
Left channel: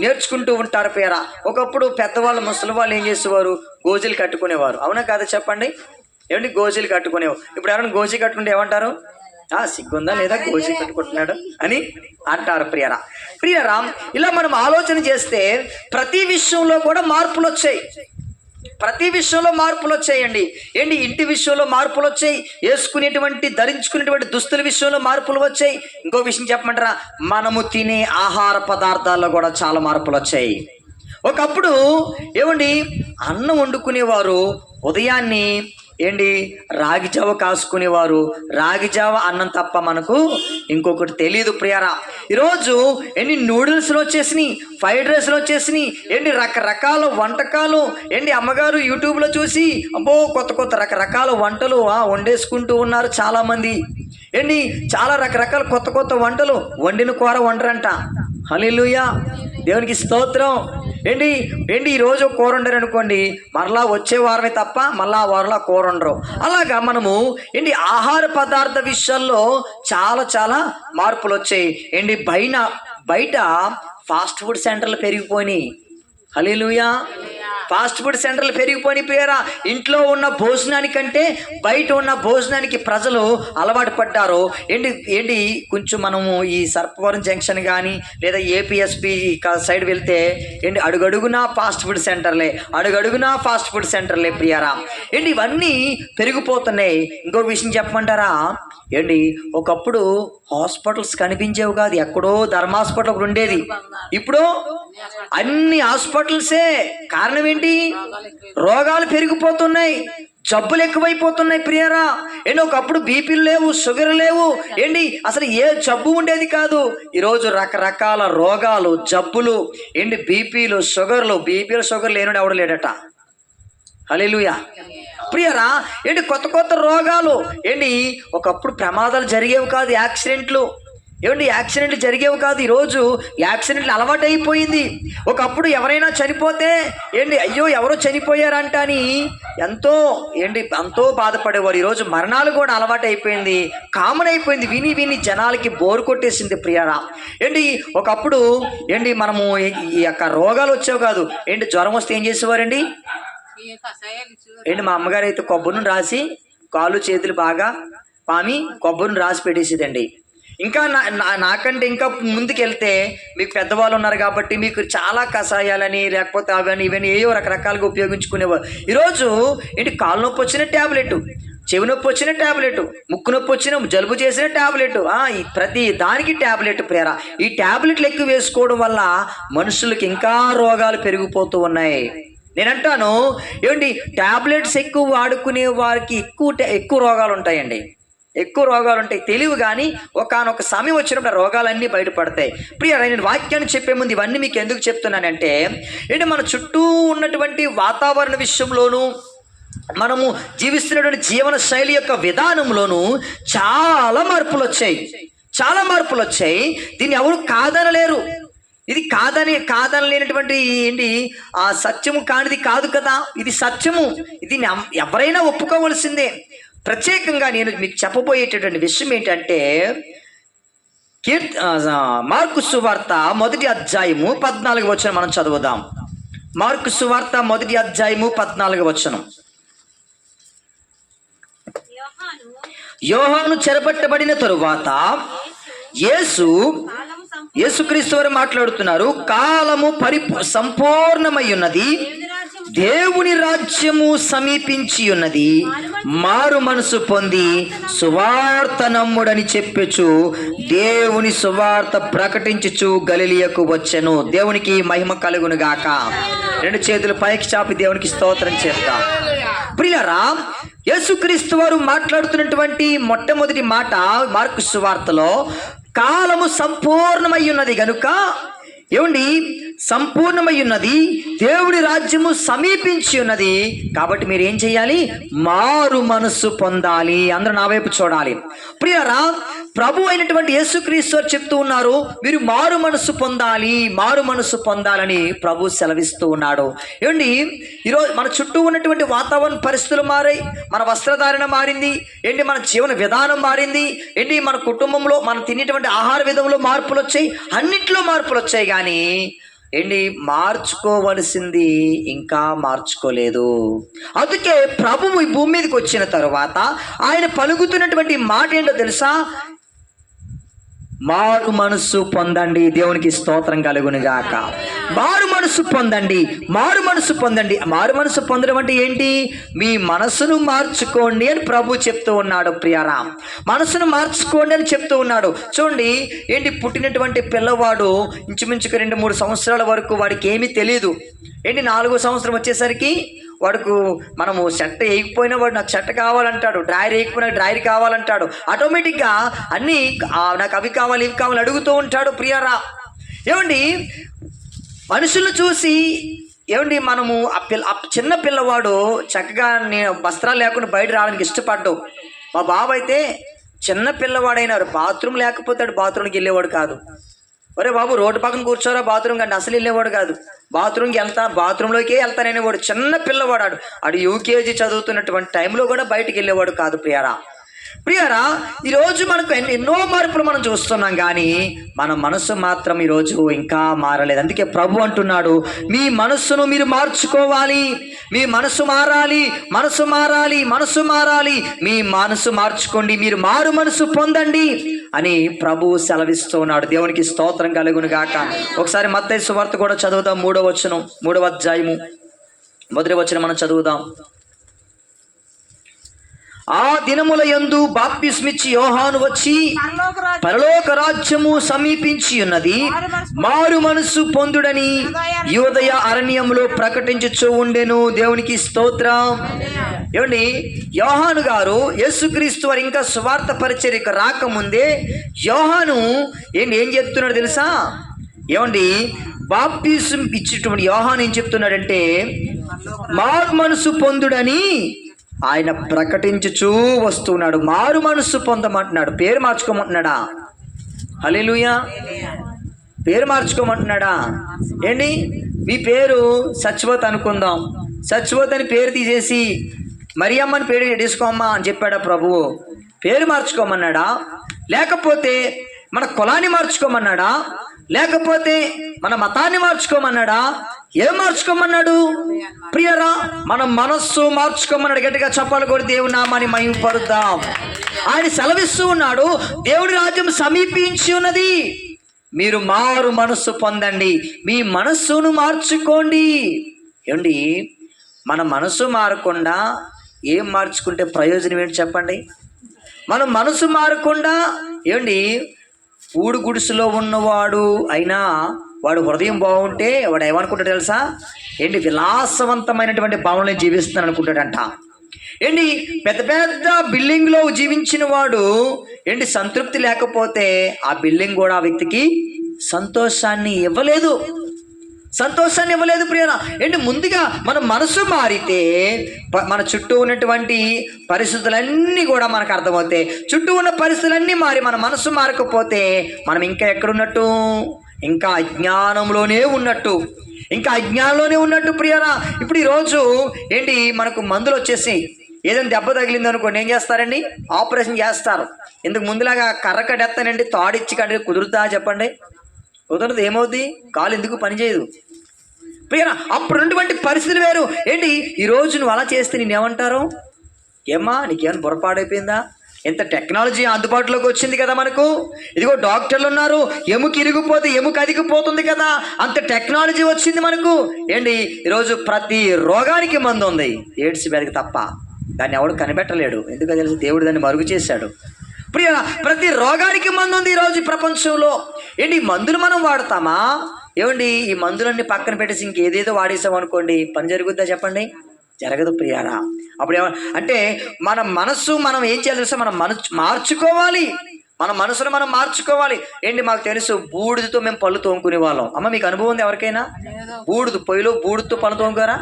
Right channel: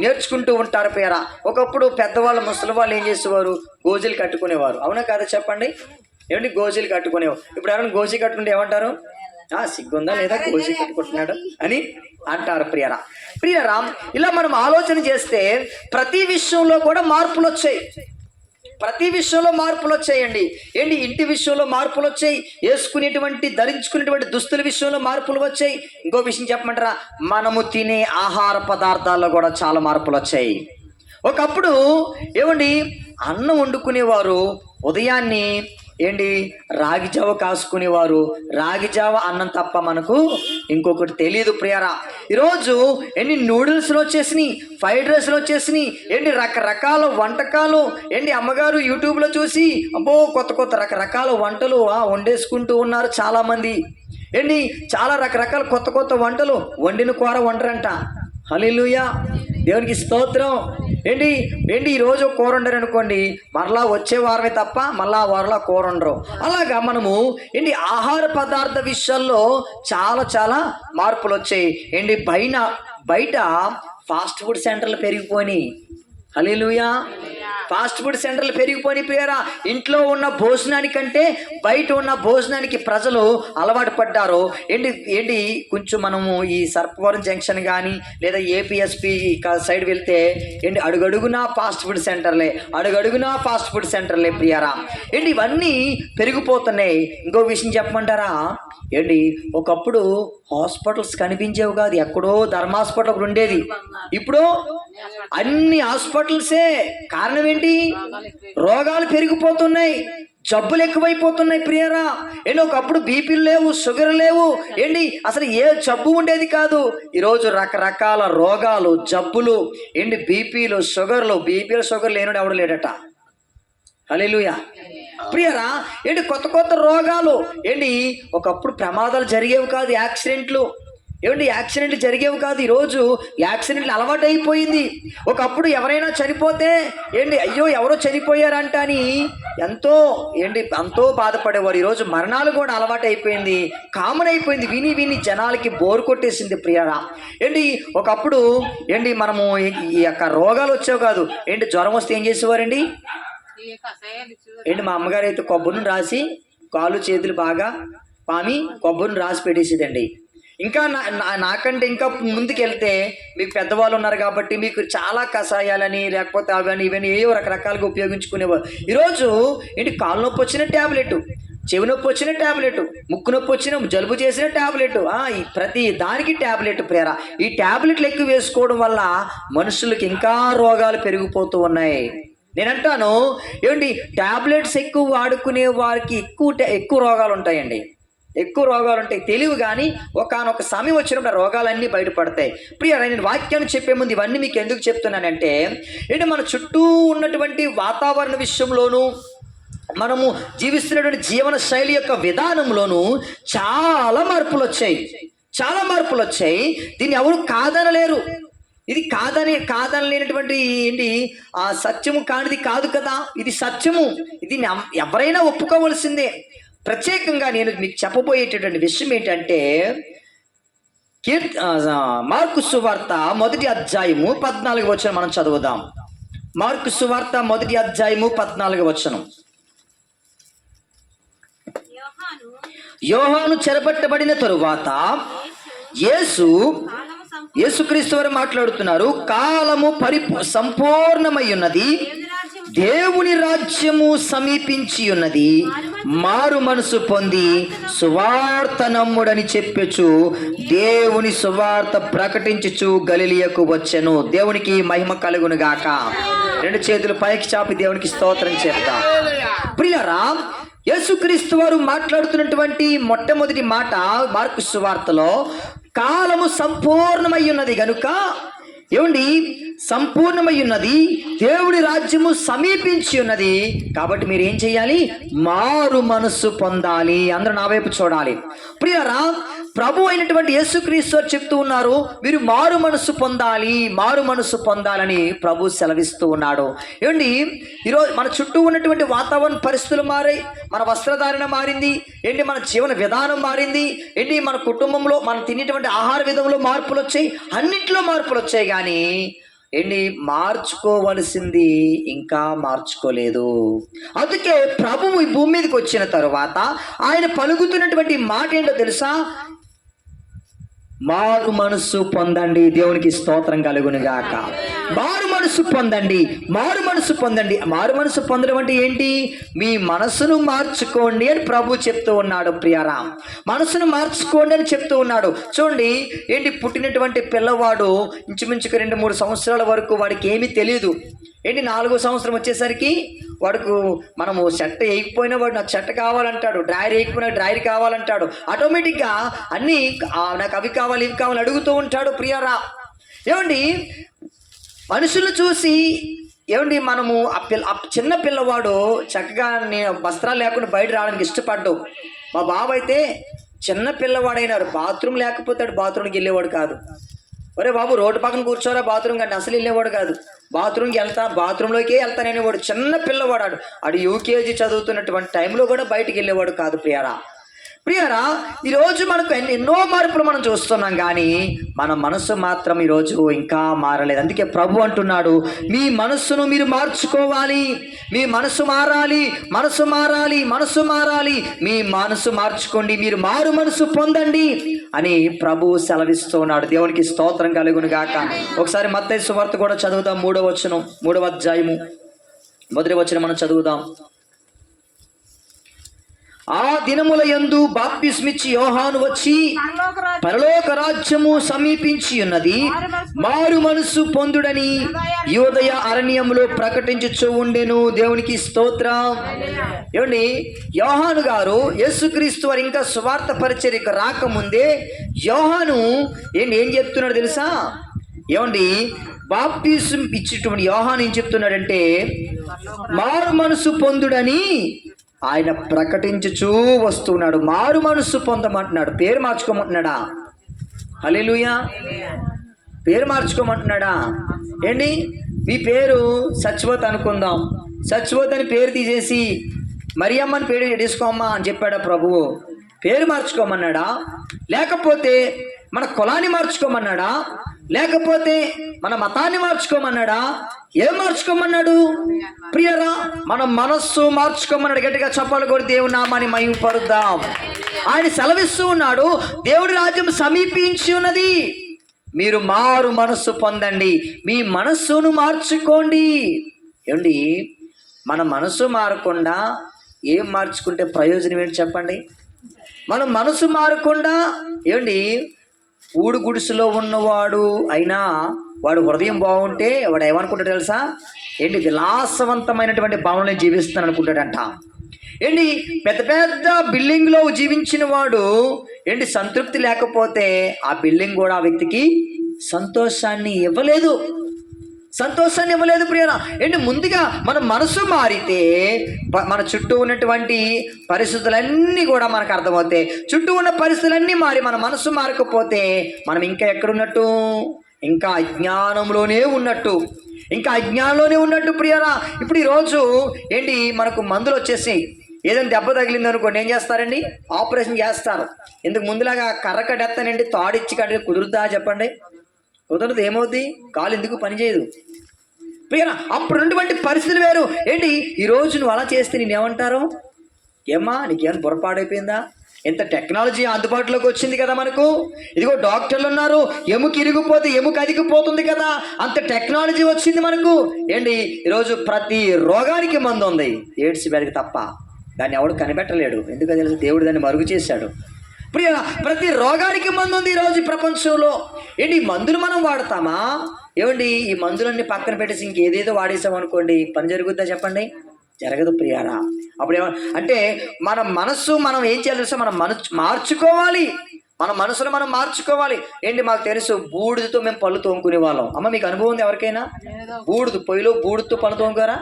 నేర్చుకుంటూ ఉంటారు ప్రియరా. ఒకప్పుడు పెద్దవాళ్ళు, ముసలి వాళ్ళు ఏం చేసేవారు? గోజీలు కట్టుకునేవారు. అవునా కాదా చెప్పండి? గోజీలు కట్టుకునేవారు. ఇప్పుడు ఎవరైనా గోజీ కట్టుకుంటే ఏమంటారు? సిగ్గుందా లేదా గోజీ కట్టుకుంటున్నాడు అని అంటారు ప్రియరా. ఇలా మనం ఆలోచన చేస్తే ప్రతి విషయంలో కూడా మార్పులు వచ్చాయి. ఇంటి విషయంలో మార్పులు వచ్చాయి, ధరించుకునేటువంటి దుస్తుల విషయంలో మార్పులు వచ్చాయి. ఇంకో విషయం చెప్పమంటారా? మనము తినే ఆహార పదార్థాల్లో కూడా చాలా మార్పులు వచ్చాయి. ఒకప్పుడు అన్నం వండుకునేవారు ఉదయాన్ని రాగి జావ కాసుకునేవారు. రాగి జావ అన్నం తప్ప మనకు ఇంకొకటి తెలియదు ప్రియరా. ఈరోజు నూడిల్స్లో వచ్చేసినాయి, ఫ్రైడ్ రైస్లో వచ్చేసినాయి, రకరకాల వంటకాలు. అమ్మగారు యూట్యూబ్లో చూసి అబ్బో కొత్త రకరకాల వంటలు వండేసుకుంటూ ఉన్నారు చాలామంది. చాలా రకరకాల కొత్త వంటలు వండిన కూర వండరంట. హల్లెలూయా, దేవునికి స్తోత్రం. ఈరోజు కూర వండరు అనుకోండి, మరలా వచ్చే వారమే తప్ప మళ్ళా వారలా కూర వండరు. అలాగా మనము ఆహార పదార్థ విషయాల్లో చాలా మార్పులు వచ్చాయి. బయట ఫాస్ట్ ఫుడ్ సెంటర్లు పెరిగిపోయినాయి. హల్లెలూయా, ఫాస్ట్ ఫుడ్ సెంటర్లు పెరిగిపోయిన పేరా. ఇంట్లో ఉన్న భోజనానికంటే బయట ఉన్న భోజనానికి ప్రజలు అలవాటు పడ్డారు. కొంచెం మనము ఈ సర్పవరం జంక్షన్ కానీ లేదా ఏపీఎస్పి సైడ్ వెళ్తే అడుగడుగునా ఫాస్ట్ ఫుడ్ సెంటర్లే ప్రియారా. ఇవన్నీ పెరిగిపోతున్నాయి. ఇంకో విషయం చెప్పమంటారా? ఒకప్పుడు హాస్పిటల్స్ కనిపించేవి కాదు, ఎక్కడో ధర్మ హాస్పిటల్ ఒకటి ఉండేది. ఇప్పుడు అన్ని హాస్పిటల్సే. కారణం ఏంటి? రోగాలు పెరిగిపోతున్నాయి, జబ్బులు ఎక్కువైపోతున్నాయి ప్రియరా. ఒకప్పుడు బీపీలు లేవు, షుగర్ లేవు, అసలు ఏ జబ్బు ఉండేది కాదు. ఈరోజు రకరకాల రోగాలు, జబ్బులు, బీపీలు షుగర్లు లేనుడు ఎవడు లేడట. హల్లెలూయా ప్రియరా. కొత్త రోగాలు. ఒకప్పుడు ప్రమాదాలు జరిగేవి కాదు, యాక్సిడెంట్లు జరిగేవి కాదు. ఈరోజు యాక్సిడెంట్లు అలవాటు అయిపోయింది. ఒకప్పుడు ఎవరైనా చనిపోతే అయ్యో ఎవరో చనిపోయారంట అని ఎంతో బాధపడేవారు. ఈరోజు మరణాలు కూడా అలవాటు అయిపోయింది, కామన్ అయిపోయింది. విని జనాలకి బోరు కొట్టేసింది ప్రియారా. ఒకప్పుడు మనము ఈ యొక్క రోగాలు వచ్చేవి కాదు. జ్వరం వస్తే ఏం చేసేవారండి? మా అమ్మగారు అయితే కొబ్బరిని రాసి కాళ్ళు చేతులు బాగా పామి కొబ్బరిని రాసి పెట్టేసేదండి. ఇంకా నాకంటే ఇంకా ముందుకెళ్తే మీకు పెద్దవాళ్ళు ఉన్నారు కాబట్టి మీకు చాలా కషాయాలని లేకపోతే అవన్నీ ఇవన్నీ ఏవో రకరకాలుగా ఉపయోగించుకునేవారు. ఈరోజు కాలు నొప్పి వచ్చిన ట్యాబ్లెట్, చెవి నొప్పి వచ్చిన ట్యాబ్లెట్, ముక్కు నొప్పి వచ్చిన, జలుబు చేసిన ట్యాబ్లెట్, ప్రతి దానికి ట్యాబ్లెట్ ప్రేర. ఈ ట్యాబ్లెట్లు ఎక్కువ వేసుకోవడం వల్ల మనుషులకి ఇంకా రోగాలు పెరిగిపోతూ ఉన్నాయి. నేనంటాను ఏమండి, టాబ్లెట్స్ ఎక్కువ వాడుకునే వారికి ఎక్కువ రోగాలు ఉంటాయండి. ఎక్కువ రోగాలు ఉంటాయి, తెలివి కానీ ఒకానొక సమయం వచ్చినప్పుడు ఆ రోగాలన్నీ బయటపడతాయి. ప్రియ, నేను వాక్యాన్ని చెప్పే ముందు ఇవన్నీ మీకు ఎందుకు చెప్తున్నానంటే, ఏంటి మన చుట్టూ ఉన్నటువంటి వాతావరణ విషయంలోనూ మనము జీవిస్తున్నటువంటి జీవన శైలి యొక్క విధానంలోనూ చాలా మార్పులు వచ్చాయి. చాలా మార్పులు వచ్చాయి. దీన్ని ఎవరు కాదనలేరు. ఇది కాదనలేనటువంటి ఏంటి ఆ సత్యము కానిది కాదు కదా, ఇది సత్యము. ఇది ఎవరైనా ఒప్పుకోవలసిందే. ప్రత్యేకంగా నేను మీకు చెప్పబోయేటటువంటి విషయం ఏంటంటే, మార్కు సువార్త 1:14 మనం చదువుదాం. మార్కు సువార్త 1:14. యోహాను చెరపట్టబడిన తరువాత యేసుక్రీస్తు వారు మాట్లాడుతున్నారు. కాలము సంపూర్ణమై ఉన్నది, దేవుని రాజ్యము సమీపించి ఉన్నది, మారు మనసు పొంది సువార్త నమ్ముడని చెప్పొచ్చు దేవుని సువార్త ప్రకటించుచు గలిలియకు వచ్చెను. దేవునికి మహిమ కలుగును గాక. 2 చేతులు పైకి చాపి దేవునికి స్తోత్రం చేద్దాం. ప్రియులారా, యేసుక్రీస్తు వారు మాట్లాడుతున్నటువంటి మొట్టమొదటి మాట మార్కు సువార్తలో, కాలము సంపూర్ణమై ఉన్నది గనుక, ఏమండి, సంపూర్ణమై ఉన్నది, దేవుడి రాజ్యము సమీపించి ఉన్నది కాబట్టి మీరు ఏం చేయాలి? మారు మనస్సు పొందాలి. అందరూ నా వైపు చూడాలి. ప్రియరా, ప్రభు అయినటువంటి యేసుక్రీస్తు వారు చెప్తూ ఉన్నారు, మీరు మారు మనస్సు పొందాలి, మారు మనస్సు పొందాలని ప్రభు సెలవిస్తూ ఉన్నాడు. ఏమండి, ఈరోజు మన చుట్టూ ఉన్నటువంటి వాతావరణ పరిస్థితులు మారాయి, మన వస్త్రధారణ మారింది, ఏంటి, మన జీవన విధానం మారింది, ఏంటి, మన కుటుంబంలో మనం తినేటువంటి ఆహార విధంలో మార్పులు వచ్చాయి, అన్నింటిలో మార్పులు వచ్చాయి. కానీ ఏంటి, మార్చుకోవలసింది ఇంకా మార్చుకోలేదు. అందుకే ప్రభువు ఈ భూమి మీదకి వచ్చిన తర్వాత ఆయన పలుకుతున్నటువంటి మాట ఏంటో తెలుసా? మారు మనస్సు పొందండి. దేవునికి స్తోత్రం కలుగును గాక. మారు మనస్సు పొందండి, మారు మనస్సు పొందండి. మారు మనస్సు పొందడం అంటే ఏంటి? మీ మనస్సును మార్చుకోండి అని ప్రభు చెప్తూ ఉన్నాడు. ప్రియరా, మనస్సును మార్చుకోండి అని చెప్తూ ఉన్నాడు. చూడండి, ఏంటి, పుట్టినటువంటి పిల్లవాడు ఇంచుమించుకు 2-3 సంవత్సరాల వరకు వాడికి ఏమీ తెలియదు. ఏంటి, 4వ సంవత్సరం వచ్చేసరికి వాడుకు మనము షర్ట్ వేయకపోయినా వాడు నాకు షర్ట్ కావాలంటాడు, డ్రాయర్ వేయకపోయినా డ్రాయర్ కావాలంటాడు. ఆటోమేటిక్గా అన్నీ నాకు అవి కావాలి ఇవి కావాలి అడుగుతూ ఉంటాడు. ప్రియరా, ఏమండి, మనుషులను చూసి ఏమండి మనము ఆ చిన్న పిల్లవాడు చక్కగా నేను వస్త్రాలు లేకుండా బయట రావడానికి ఇష్టపడ్డావు. మా బాబు అయితే చిన్న పిల్లవాడైనారు, బాత్రూమ్ లేకపోతే బాత్రూమ్కి వెళ్ళేవాడు కాదు. ఒరే బాబు, రోడ్డు పక్కన కూర్చోరా బాత్రూమ్ కంటే అసలు వెళ్ళేవాడు కాదు. బాత్రూంలోకే వెళ్తాననేవాడు. చిన్న పిల్లవాడు, ఆడు యూకేజీ చదువుతున్నటువంటి టైంలో కూడా బయటికి వెళ్ళేవాడు కాదు. ప్రియరా, ఈరోజు మనకు ఎన్నో మార్పులు మనం చూస్తున్నాం, కానీ మన మనస్సు మాత్రం ఈరోజు ఇంకా మారలేదు. అందుకే ప్రభు అంటున్నాడు, మీ మనస్సును మీరు మార్చుకోవాలి, మీ మనస్సు మారాలి, మనస్సు మారాలి, మనస్సు మారాలి, మీ మనస్సు మార్చుకోండి, మీరు మారు మనస్సు పొందండి అని ప్రభు సెలవిస్తూ ఉన్నాడు. దేవునికి స్తోత్రం కలుగును గాక. ఒకసారి మత్తయి సువార్త కూడా చదువుదాం. 3వ అధ్యాయము 1వ వచనం మనం చదువుదాం. ఆ దినముల యందు బాప్తిస్మిచ్చి యోహాను వచ్చి, పరలోక రాజ్యము సమీపించి ఉన్నది, మారు మనస్సు పొందుడని యూదయ అరణ్యములో ప్రకటించుచూ ఉండెను. దేవునికి స్తోత్రం. ఏమండి, యోహాను గారు యేసుక్రీస్తు వారు ఇంకా సువార్త పరిచర్యకు రాకముందే యోహాను ఏం చెప్తున్నాడు తెలుసా? ఏమండి, బాప్తిసం ఇచ్చేటువంటి యోహాను ఏం చెప్తున్నాడంటే, మారు మనస్సు పొందుడని ఆయన ప్రకటించుచూ వస్తున్నాడు. మారు మనస్సు పొందమంటున్నాడు. పేరు మార్చుకోమంటున్నాడా? హల్లెలూయా. పేరు మార్చుకోమంటున్నాడా? ఏంటి, మీ పేరు సత్యవతి అనుకుందాం, సత్యవతి అని పేరు తీసేసి మరియమ్మని పేరు తీసుకోమ్మా అని చెప్పాడా ప్రభువు? పేరు మార్చుకోమన్నాడా? లేకపోతే మన కులాన్ని మార్చుకోమన్నాడా? లేకపోతే మన మతాన్ని మార్చుకోమన్నాడా? ఏం మార్చుకోమన్నాడు? ప్రియరా, మన మనస్సు మార్చుకోమన్నాడు. గట్టిగా చెప్పాలి కూడా, దేవుని నామాన్ని మహిమపరుద్దాం. ఆయన సెలవిస్తూ ఉన్నాడు, దేవుడి రాజ్యం సమీపించి ఉన్నది, మీరు మారు మనస్సు పొందండి, మీ మనస్సును మార్చుకోండి. ఏమండి, మన మనస్సు మారకుండా ఏం మార్చుకుంటే ప్రయోజనం ఏంటి చెప్పండి? మన మనసు మారకుండా ఏమండి, ఊడు గుడిసెలో ఉన్నవాడు అయినా వాడు హృదయం బాగుంటే వాడు ఏమనుకుంటాడు తెలుసా? ఏంటి విలాసవంతమైనటువంటి భవనంలో జీవిస్తాను అనుకుంటాడంట. ఏంటి పెద్ద పెద్ద బిల్డింగ్లో జీవించిన వాడు ఏంటి సంతృప్తి లేకపోతే ఆ బిల్డింగ్ కూడా ఆ వ్యక్తికి సంతోషాన్ని ఇవ్వలేదు ప్రియరా. ఏంటి ముందుగా మన మనసు మారితే మన చుట్టూ ఉన్నటువంటి పరిస్థితులన్నీ కూడా మనకు అర్థమవుతాయి. చుట్టూ ఉన్న పరిస్థితులన్నీ మారి మన మనసు మారకపోతే మనం ఇంకా ఎక్కడున్నట్టు, ఇంకా అజ్ఞానంలోనే ఉన్నట్టు ప్రియరా. ఇప్పుడు ఈరోజు ఏంటి మనకు మందులు వచ్చేసి ఏదైనా దెబ్బ తగిలింది అనుకోండి, ఏం చేస్తారండి? ఆపరేషన్ చేస్తారు. ఇందుకు ముందులాగా కర్రకడెత్తానండి తాడిచ్చి కట్టి కుదురుతా చెప్పండి? కుదరదు. ఏమవుద్ది? కాలు ఎందుకు పనిచేయదు ప్రియరా. అప్పుడున్నటువంటి పరిస్థితులు వేరు. ఏంటి ఈరోజు నువ్వు అలా చేస్తే నేనేమంటారు? ఏమ్మా నీకేమైనా పొరపాడైపోయిందా? ఎంత టెక్నాలజీ అందుబాటులోకి వచ్చింది కదా మనకు. ఇదిగో డాక్టర్లు ఉన్నారు, ఎముక ఇరిగిపోతే ఎముక అదిగిపోతుంది కదా, అంత టెక్నాలజీ వచ్చింది మనకు. ఏంటి ఈరోజు ప్రతి రోగానికి మందు ఉంది, ఎయిడ్స్ వ్యాధికి తప్ప. దాన్ని ఎవడు కనిపెట్టలేడు, ఎందుకో తెలుసు, దేవుడు దాన్ని మరుగు చేశాడు. ప్రియ ప్రతి రోగానికి మందు ఉంది ఈరోజు ప్రపంచంలో. ఏంటి ఈ మందులు మనం వాడతామా? ఏమండి ఈ మందులన్నీ పక్కన పెట్టేసి ఇంకేదేదో వాడేసాం అనుకోండి, పని జరుగుద్దా చెప్పండి? జరగదు ప్రియారా. అప్పుడు అంటే మన మనస్సు మనం ఏం చేయాలి తెలుసా? మనం మార్చుకోవాలి. మన మనసును మనం మార్చుకోవాలి. ఏంటి మాకు తెలుసు, బూడిదతో మేము పళ్ళు తోముకునే వాళ్ళం. అమ్మ మీకు అనుభవం ఉంది ఎవరికైనా? పొయ్యిలో బూడితో పళ్ళు తోముకోరా?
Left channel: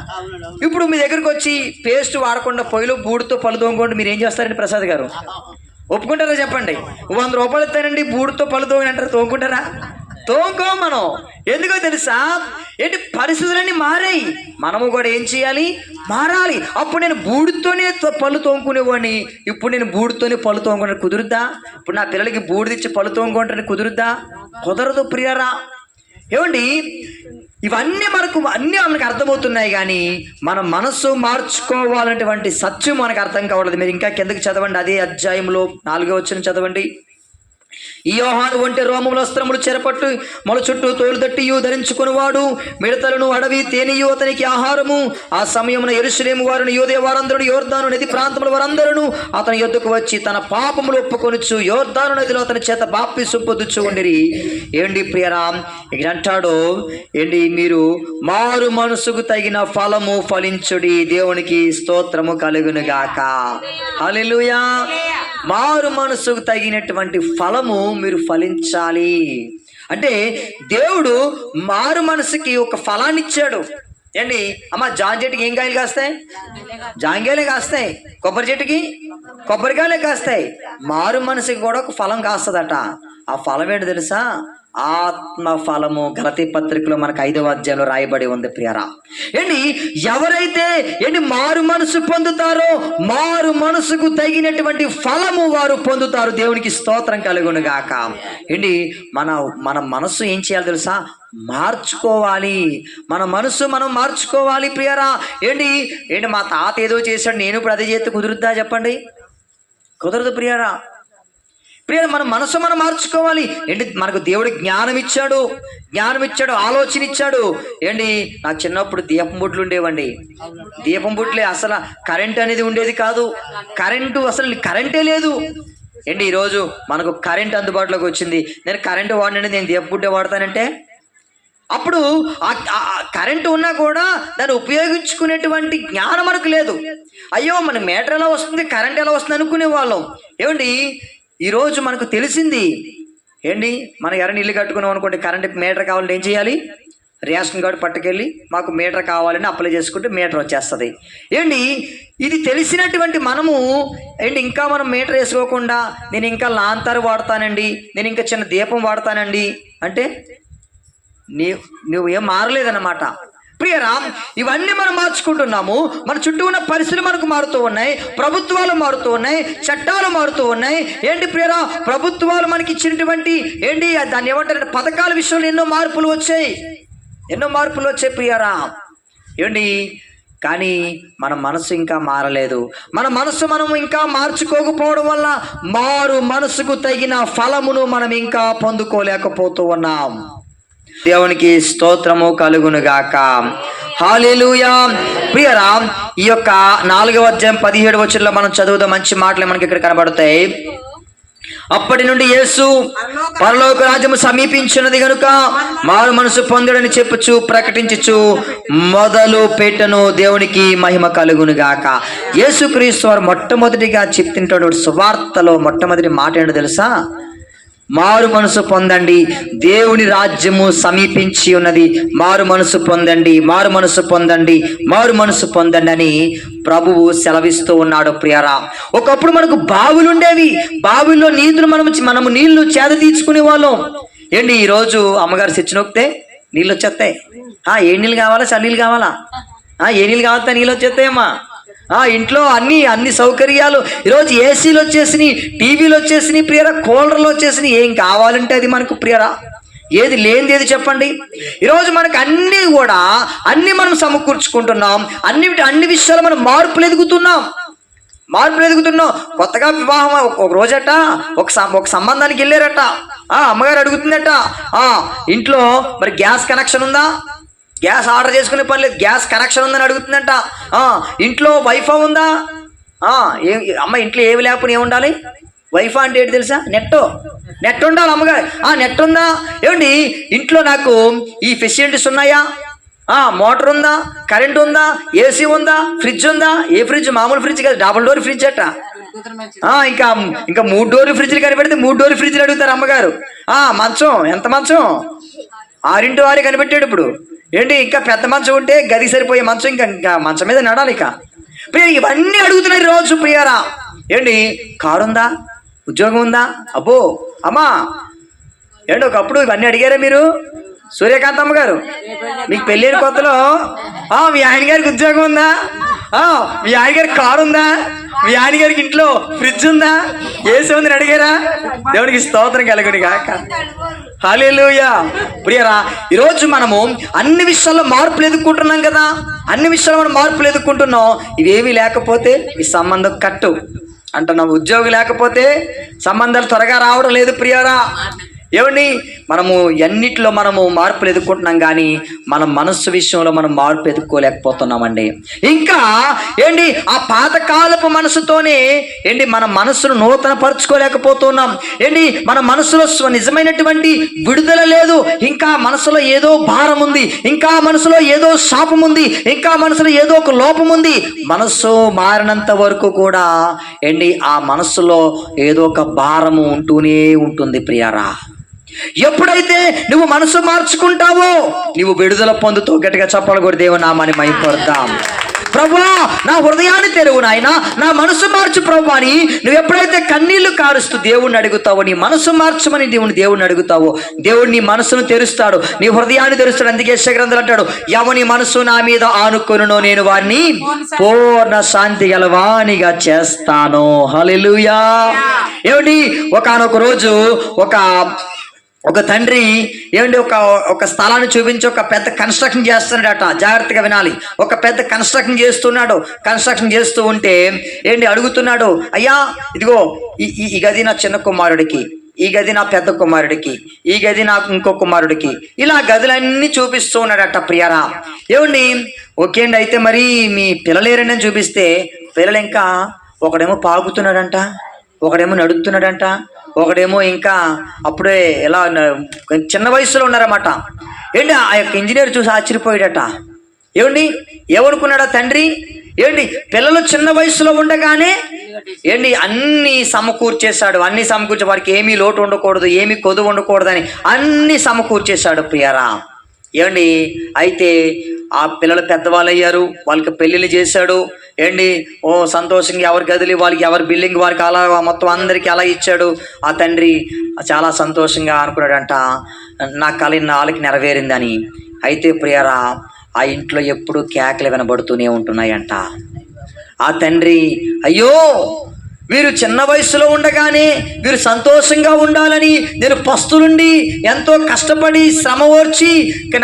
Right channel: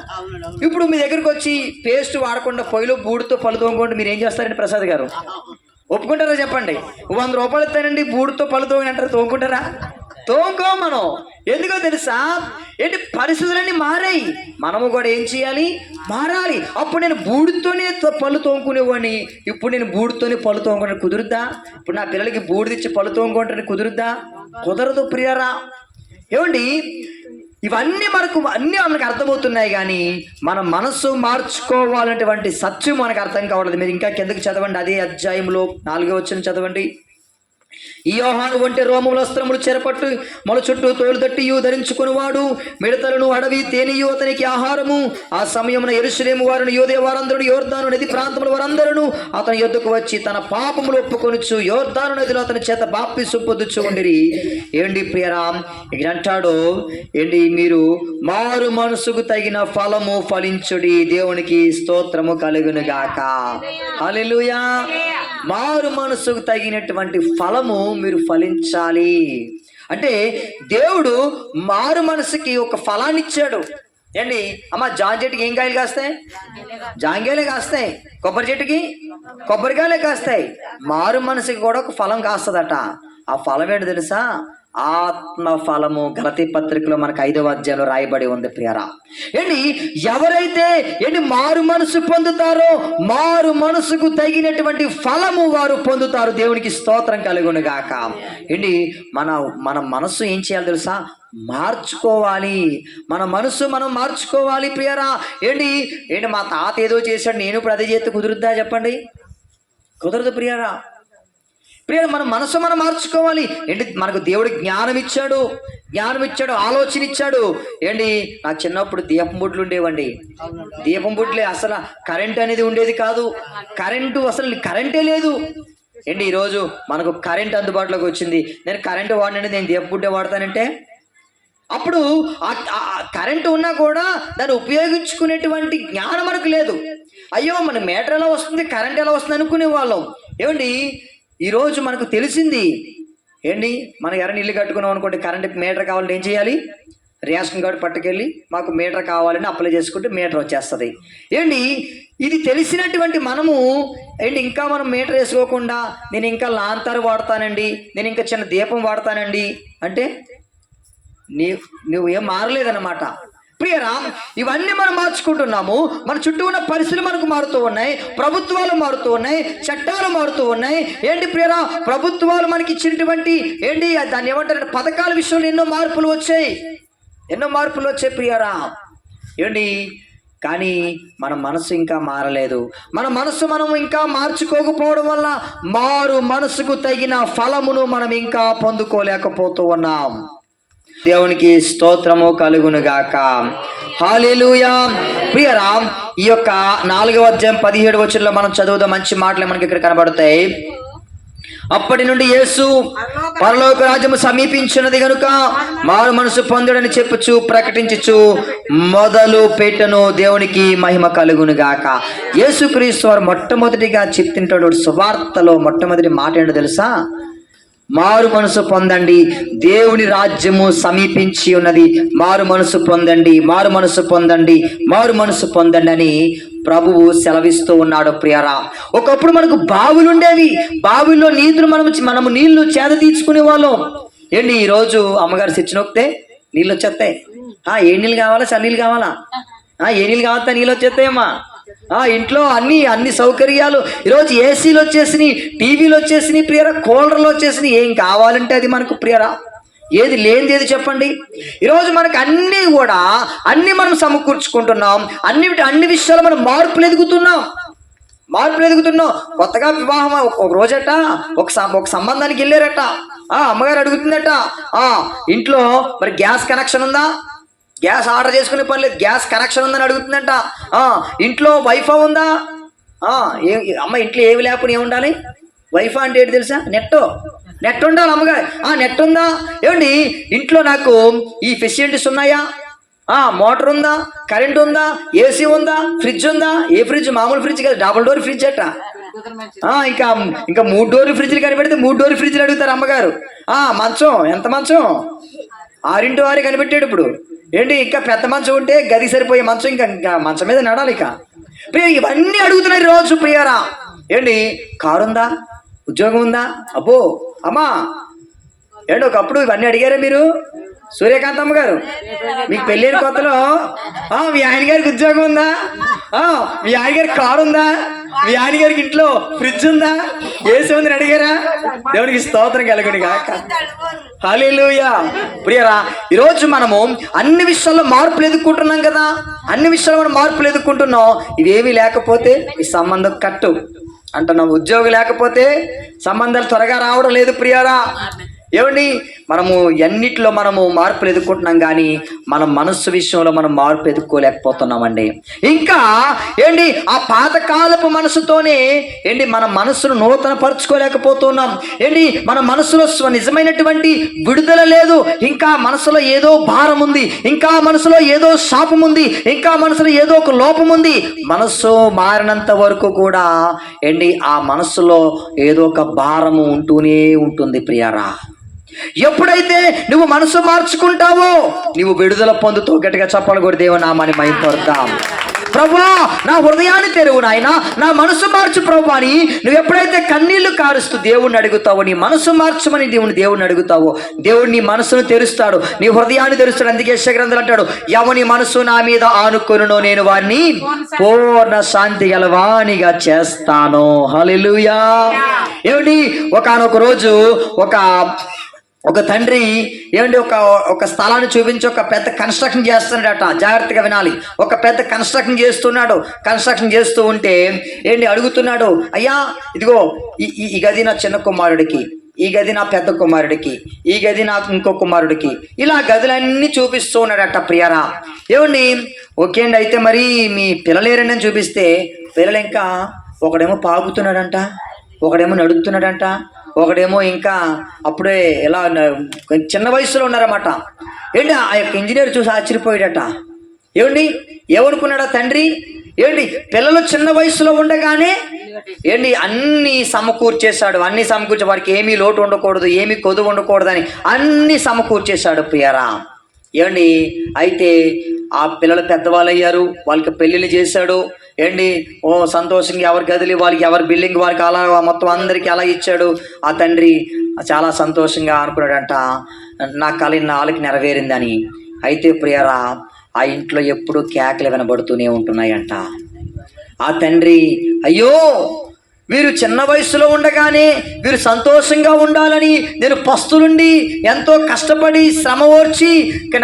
ఇప్పుడు మీ దగ్గరకు వచ్చి పేస్ట్ వాడకుండా పొయ్యిలో బూడితో పళ్ళు తోముకుంటే మీరు ఏం చేస్తారండి ప్రసాద్ గారు? ఒప్పుకుంటారా చెప్పండి? 100 రూపాయలు ఇస్తానండి బూడితో పళ్ళు తోమని అంటారు, తోముకుంటారా? తోముకో మనం. ఎందుకో తెలుసా? ఏంటి పరిస్థితులన్నీ మారాయి, మనము కూడా ఏం చేయాలి? మారాలి. అప్పుడు నేను బూడితోనే పళ్ళు తోముకునేవాడిని, ఇప్పుడు నేను బూడితోనే పళ్ళు తోముకుంటే కుదురుద్దా? ఇప్పుడు నా పిల్లలకి బూడిదిచ్చి పళ్ళు తోముకుంటే కుదురుద్దా? కుదరదు ప్రియరా. ఏమండి ఇవన్నీ మనకు అర్థమవుతున్నాయి, కానీ మన మనస్సు మార్చుకోవాలనేటువంటి సత్యం మనకు అర్థం కావట్లేదు. మీరు ఇంకా కిందకి చదవండి, అదే అధ్యాయంలో 4వ వచనం చదవండి. ఈ యోహాను ఒంటె రోమముల వస్త్రములు చెరపట్టు మొల చుట్టూ తోలు తట్టియు ధరించుకునివాడు, మిడతలను అడవి తేనియు అతనికి ఆహారము. ఆ సమయమున యెరూషలేము వారిని యూదే వారందరూ యోర్దాను నది ప్రాంతముల వారందరూ అతని యొద్దకు వచ్చి తన పాపములు ఒప్పుకొనుచు యోర్దాను నదిలో అతని చేత బాప్తిసం పొందుచు ఉండిరి. ఏంటి ప్రియరామ్ ఇక్కడ అంటాడు, ఏంటి మీరు మారు మనసుకు తగిన ఫలము ఫలించుడి, దేవునికి స్తోత్రము కలుగునుగాక. హల్లెలూయా. మారు మనసుకు తగినటువంటి ఫలము మీరు ఫలించాలి. అంటే దేవుడు మారు మనసుకి ఒక ఫలాన్ని ఇచ్చాడు. ఏంటి అమ్మ, జామ చెట్టుకి ఏం కాయలు కాస్తాయి? జాంకాయలే కాస్తాయి. కొబ్బరి చెట్టుకి కొబ్బరికాయలే కాస్తాయి. మారు మనసుకి కూడా ఒక ఫలం కాస్తుందట. ఆ ఫలం ఏంటి తెలుసా? ఆత్మ ఫలము. గలతీ పత్రికలో మనకు 5వ అధ్యాయంలో రాయబడి ఉంది ప్రియరా. ఏంటి ఎవరైతే మారు మనసు పొందుతారో మారు మనసుకు తగినటువంటి ఫలము వారు పొందుతారు. దేవునికి స్తోత్రం కలుగునుగాక. ఏంటి మన మనసు ఏం చేయాలి తెలుసా? మార్చుకోవాలి. మన మనసు మనం మార్చుకోవాలి ప్రియరా. ఏంటి మా తాత ఏదో చేశాడు, నేను ఇప్పుడు అదే చేస్తే కుదురుద్దా చెప్పండి? కుదరదు ప్రియరా. మన మనసు మనం మార్చుకోవాలి. ఏంటి మనకు దేవుడు జ్ఞానం ఇచ్చాడు, ఆలోచన ఇచ్చాడు. ఏంటి నాకు చిన్నప్పుడు దీపం బుడ్లు ఉండేవండి. దీపం బుడ్లే, అసలు కరెంట్ అనేది ఉండేది కాదు. అసలు కరెంటే లేదు. ఏంటి ఈరోజు మనకు కరెంట్ అందుబాటులోకి వచ్చింది. నేను కరెంటు వాడినండి, నేను దీపం బుడ్డే వాడతానంటే అప్పుడు కరెంటు ఉన్నా కూడా దాన్ని ఉపయోగించుకునేటువంటి జ్ఞానం మనకు లేదు. అయ్యో మన మీటర్ ఎలా వస్తుంది, కరెంట్ ఎలా వస్తుంది అనుకునే వాళ్ళం. ఏమండి ఈరోజు మనకు తెలిసింది. ఏంటి మనకి ఎవరైనా ఇల్లు కట్టుకున్నాం అనుకోండి, కరెంట్ మీటర్ కావాలంటే ఏం చేయాలి? రేషన్ కార్డు పట్టుకెళ్ళి మాకు మీటర్ కావాలని అప్లై చేసుకుంటే మీటర్ వచ్చేస్తుంది. ఏంటి ఇది తెలిసినటువంటి మనము ఇంకా మనం మీటర్ వేసుకోకుండా నేను ఇంకా లాంతరు వాడతానండి, నేను ఇంకా చిన్న దీపం వాడతానండి అంటే నువ్వు ఏం మారలేదన్నమాట. ప్రియరా, ఇవన్నీ మనం మార్చుకుంటున్నాము. మన చుట్టూ ఉన్న పరిస్థితులు మనకు మారుతూ ఉన్నాయి, ప్రభుత్వాలు మారుతూ ఉన్నాయి, చట్టాలు మారుతూ ఉన్నాయి. ఏంటి ప్రియరా, ప్రభుత్వాలు మనకి ఇచ్చినటువంటి దాన్ని ఏమంటారంటే పథకాల విషయంలో ఎన్నో మార్పులు వచ్చాయి ప్రియరా. కానీ మన మనసు ఇంకా మారలేదు. మన మనసు మనం ఇంకా మార్చుకోకపోవడం వల్ల మారు మనసుకు తగిన ఫలమును మనం ఇంకా పొందుకోలేకపోతూ ఉన్నాం. దేవునికి స్తోత్రము కలుగునుగాక. హల్లెలూయా. ప్రియరా, ఈ యొక్క 4వ అధ్యాయం 17వ వచనంలో మనం చదువుదాం. మంచి మాటలు మనకి ఇక్కడ కనబడతాయి. అప్పటి నుండి యేసు పరలోక రాజ్యము సమీపించినది గనుక మారు మనసు పొందుడని చెప్పుచు ప్రకటించుచు మొదలు పెట్టను, దేవునికి మహిమ కలుగును గాక. యేసుక్రీస్తు వారు మొట్టమొదటిగా చెప్తుంటాడు సువార్తలో మొట్టమొదటి మాట ఏంటో తెలుసా? మారు మనసు పొందండి, దేవుని రాజ్యము సమీపించి ఉన్నది, మారు మనసు పొందండి, మారు మనసు పొందండి, మారు మనసు పొందండి అని ప్రభువు సెలవిస్తూ ఉన్నాడు ప్రియరా. ఒకప్పుడు మనకు బావులు ఉండేవి, బావుల్లో నీళ్లు మనము నీళ్లు చేద తీర్చుకునే వాళ్ళం. ఏంటి ఈరోజు అమ్మగారు స్విచ్ నొక్కితే నీళ్ళు వచ్చేస్తాయి. ఏ నీళ్ళు కావాలా? చన్నీళ్ళు కావాలా? ఏ నీళ్ళు కావాలంటే నీళ్ళు వచ్చేస్తాయమ్మా. ఇంట్లో అన్ని సౌకర్యాలు ఈరోజు ఏసీలు వచ్చేసినాయి, టీవీలు వచ్చేసినాయి ప్రియరా, కూలర్లు వచ్చేసినాయి. ఏం కావాలంటే అది మనకు ప్రియరా. ఏది లేనిది ఏది చెప్పండి? ఈరోజు మనకు అన్నీ కూడా మనం సమకూర్చుకుంటున్నాం. అన్ని విషయాలు మనం మార్పులు ఎదుగుతున్నాం. కొత్తగా వివాహం ఒక రోజట ఒక సంబంధానికి వెళ్ళారట. అమ్మగారు అడుగుతుందట, ఇంట్లో మరి గ్యాస్ కనెక్షన్ ఉందా? గ్యాస్ ఆర్డర్ చేసుకునే పని లేదు, గ్యాస్ కనెక్షన్ ఉందని అడుగుతుందంట. ఇంట్లో వైఫై ఉందా? అమ్మ ఇంట్లో ఏమి లేకపోతే ఏముండాలి? వైఫై అంటే ఏంటి తెలుసా? నెట్ ఉండాలి అమ్మగారు. నెట్ ఉందా? ఏమండి ఇంట్లో నాకు ఈ ఫెసిలిటీస్ ఉన్నాయా? మోటార్ ఉందా? కరెంట్ ఉందా? ఏసీ ఉందా? ఫ్రిడ్జ్ ఉందా? ఏ ఫ్రిడ్జ్? మామూలు ఫ్రిడ్జ్ కాదు, డబుల్ డోర్ ఫ్రిడ్జ్ అట. ఇంకా 3 డోర్లు ఫ్రిడ్జ్లు కనిపెడితే 3 డోర్లు ఫ్రిడ్జ్లు అడుగుతారు అమ్మగారు. మంచం ఎంత మంచం? 6x6 కనిపెట్టాడు ఇప్పుడు. ఏంటి ఇంకా పెద్ద మంచం ఉంటే గదికి సరిపోయే మంచం, ఇంకా మంచం మీద నడాలి. ఇవన్నీ అడుగుతున్నారు రోజు ప్రియారా. ఏంటి కారు ఉందా? ఉద్యోగం ఉందా? అబ్బో అమ్మా ఏంటి ఒకప్పుడు ఇవన్నీ అడిగారా మీరు? సూర్యకాంతమ్మ గారు మీకు పెళ్ళైన కొత్తలో మీ ఆయన గారికి ఉద్యోగం ఉందా? మీ ఆయన గారికి కారు ఉందా? మీ ఆయన గారికి ఇంట్లో ఫ్రిడ్జ్ ఉందా? ఏసీ ఉందని అడిగారా? దేవునికి స్తోత్రం కలుగును గాక. హల్లెలూయా. ప్రియరా, ఈరోజు మనము అన్ని విషయాల్లో మార్పులు ఎదుర్కొంటున్నాం కదా. అన్ని విషయాల్లో మనం మార్పులు ఎదుర్కొంటున్నాం. ఇవేమీ లేకపోతే ఈ సంబంధం కట్టు అంటున్నాం. ఉద్యోగం లేకపోతే సంబంధాలు త్వరగా రావడం లేదు ప్రియరా. ఏమండి మనము ఎన్నిట్లో మనము మార్పులు ఎదుర్కొంటున్నాం, కానీ మన మనస్సు విషయంలో మనం మార్పు ఎదుర్కోలేకపోతున్నామండి. ఇంకా ఏంటి ఆ పాతకాలపు మనసుతోనే మన మనస్సును నూతన పరుచుకోలేకపోతున్నాం. మన మనసులో నిజమైనటువంటి విడుదల లేదు. ఇంకా మనసులో ఏదో భారం ఉంది, ఇంకా మనసులో ఏదో శాపం ఉంది, ఇంకా మనసులో ఏదో ఒక లోపం ఉంది. మనస్సు మారినంత వరకు కూడా ఆ మనస్సులో ఏదో ఒక భారము ఉంటూనే ఉంటుంది ప్రియారా. ఎప్పుడైతే నువ్వు మనసు మార్చుకుంటావో నువ్వు విడుదల పొందుతూ గట్టిగా చెప్పాలి కూడా దేవుని నామాన్ని మహిమపడతాం. ప్రభువా నా హృదయాన్ని తెరువు నాయనా, నా మనసు మార్చు ప్రభు అని నువ్వు ఎప్పుడైతే కన్నీళ్లు కారుస్తూ దేవుణ్ణి అడుగుతావో, నీ మనసు మార్చమని దేవుణ్ణి అడుగుతావో, దేవుడు నీ మనసును తెరుస్తాడు, నీ హృదయాన్ని తెరుస్తాడు. అందుకే యెషయా గ్రంథంలో అంటాడు, ఎవని మనసు నా మీద ఆనుకొనునో నేను వారిని పూర్ణ శాంతి గలవానిగా చేస్తాను. హల్లెలూయా. ఏమండి ఒకానొక రోజు ఒక తండ్రి ఒక స్థలాన్ని చూపించి ఒక పెద్ద కన్స్ట్రక్షన్ చేస్తున్నాడట. జాగ్రత్తగా వినాలి. ఒక పెద్ద కన్స్ట్రక్షన్ చేస్తున్నాడు. కన్స్ట్రక్షన్ చేస్తూ ఉంటే అడుగుతున్నాడు, అయ్యా ఇదిగో ఈ గది నా చిన్న కుమారుడికి, ఈ గది నా పెద్ద కుమారుడికి, ఈ గది నాకు ఇంకో కుమారుడికి, ఇలా గదులన్నీ చూపిస్తూ ఉన్నాడట ప్రియరా. ఓకే అండి, అయితే మరి మీ పిల్లలేరని చూపిస్తే పిల్లలు ఇంకా ఒకడేమో పాకుతున్నాడంట, ఒకడేమో నడుస్తున్నాడంట, ఒకడేమో ఇంకా అప్పుడే ఎలా చిన్న వయసులో ఉన్నారన్నమాట. ఆ యొక్క ఇంజనీర్ చూసి ఆశ్చర్యపోయాడట. ఏమనుకున్నాడా తండ్రి? పిల్లలు చిన్న వయసులో ఉండగానే అన్ని సమకూర్చేశాడు. అన్ని సమకూర్చే వారికి ఏమీ లోటు ఉండకూడదు, ఏమీ కొదువు ఉండకూడదని అన్ని సమకూర్చేశాడు ప్రియరా. అయితే ఆ పిల్లలు పెద్దవాళ్ళు అయ్యారు, వాళ్ళకి పెళ్ళిళ్ళు చేశాడు. సంతోషంగా ఎవరి గదులు వాళ్ళకి, ఎవరి బిల్డింగ్ వారికి అలా మొత్తం అందరికీ అలా ఇచ్చాడు. ఆ తండ్రి చాలా సంతోషంగా అనుకున్నాడంట, నా కళ నాలుగు నెరవేరిందని. అయితే ప్రియరా ఆ ఇంట్లో ఎప్పుడూ కేకలు వినబడుతూనే ఉంటున్నాయంట. ఆ తండ్రి అయ్యో వీరు చిన్న వయసులో ఉండగానే వీరు సంతోషంగా ఉండాలని నేను పస్తులుండి ఎంతో కష్టపడి శ్రమ ఓర్చి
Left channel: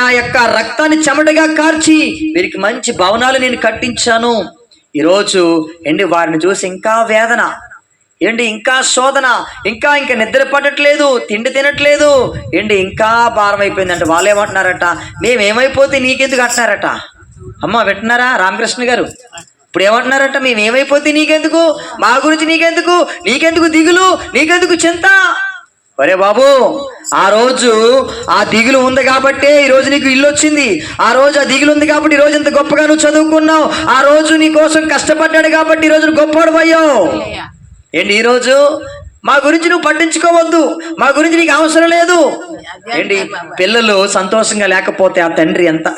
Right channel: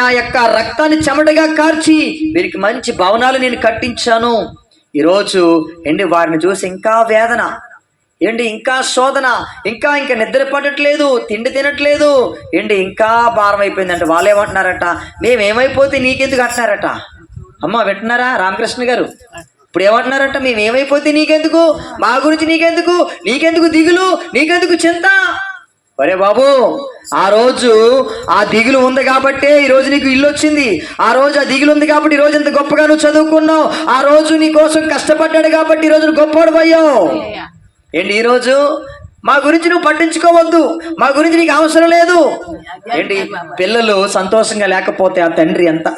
నా యొక్క రక్తాన్ని చెమటగా కార్చి వీరికి మంచి భవనాలు నేను కట్టించాను. ఈరోజు వారిని చూసి ఇంకా వేదన, ఇంకా శోధన, ఇంకా నిద్ర పడట్లేదు, తిండి తినట్లేదు, ఇంకా భారం అయిపోయిందంట. వాళ్ళు ఏమంటున్నారట, మేమేమైపోతే నీకెందుకు అంటున్నారట. అమ్మ వింటున్నారా రామకృష్ణ గారు? ఇప్పుడు ఏమంటున్నారంట, మేమేమైపోతే నీకెందుకు, మా గురించి నీకెందుకు దిగులు, నీకెందుకు చింత. ఒరే బాబు, ఆ రోజు ఆ దిగులు ఉంది కాబట్టే ఈ రోజు నీకు ఇల్లు వచ్చింది. ఆ రోజు ఆ దిగులు ఉంది కాబట్టి ఈ రోజు ఇంత గొప్పగా నువ్వు చదువుకున్నావు. ఆ రోజు నీ కోసం కష్టపడ్డాడు కాబట్టి ఈ రోజు నువ్వు గొప్పవాడు అయ్యావు. ఏంటి ఈరోజు మా గురించి నువ్వు పట్టించుకోవద్దు, మా గురించి నీకు అవసరం లేదు. ఏంటి పిల్లలు సంతోషంగా లేకపోతే ఆ తండ్రి ఎంత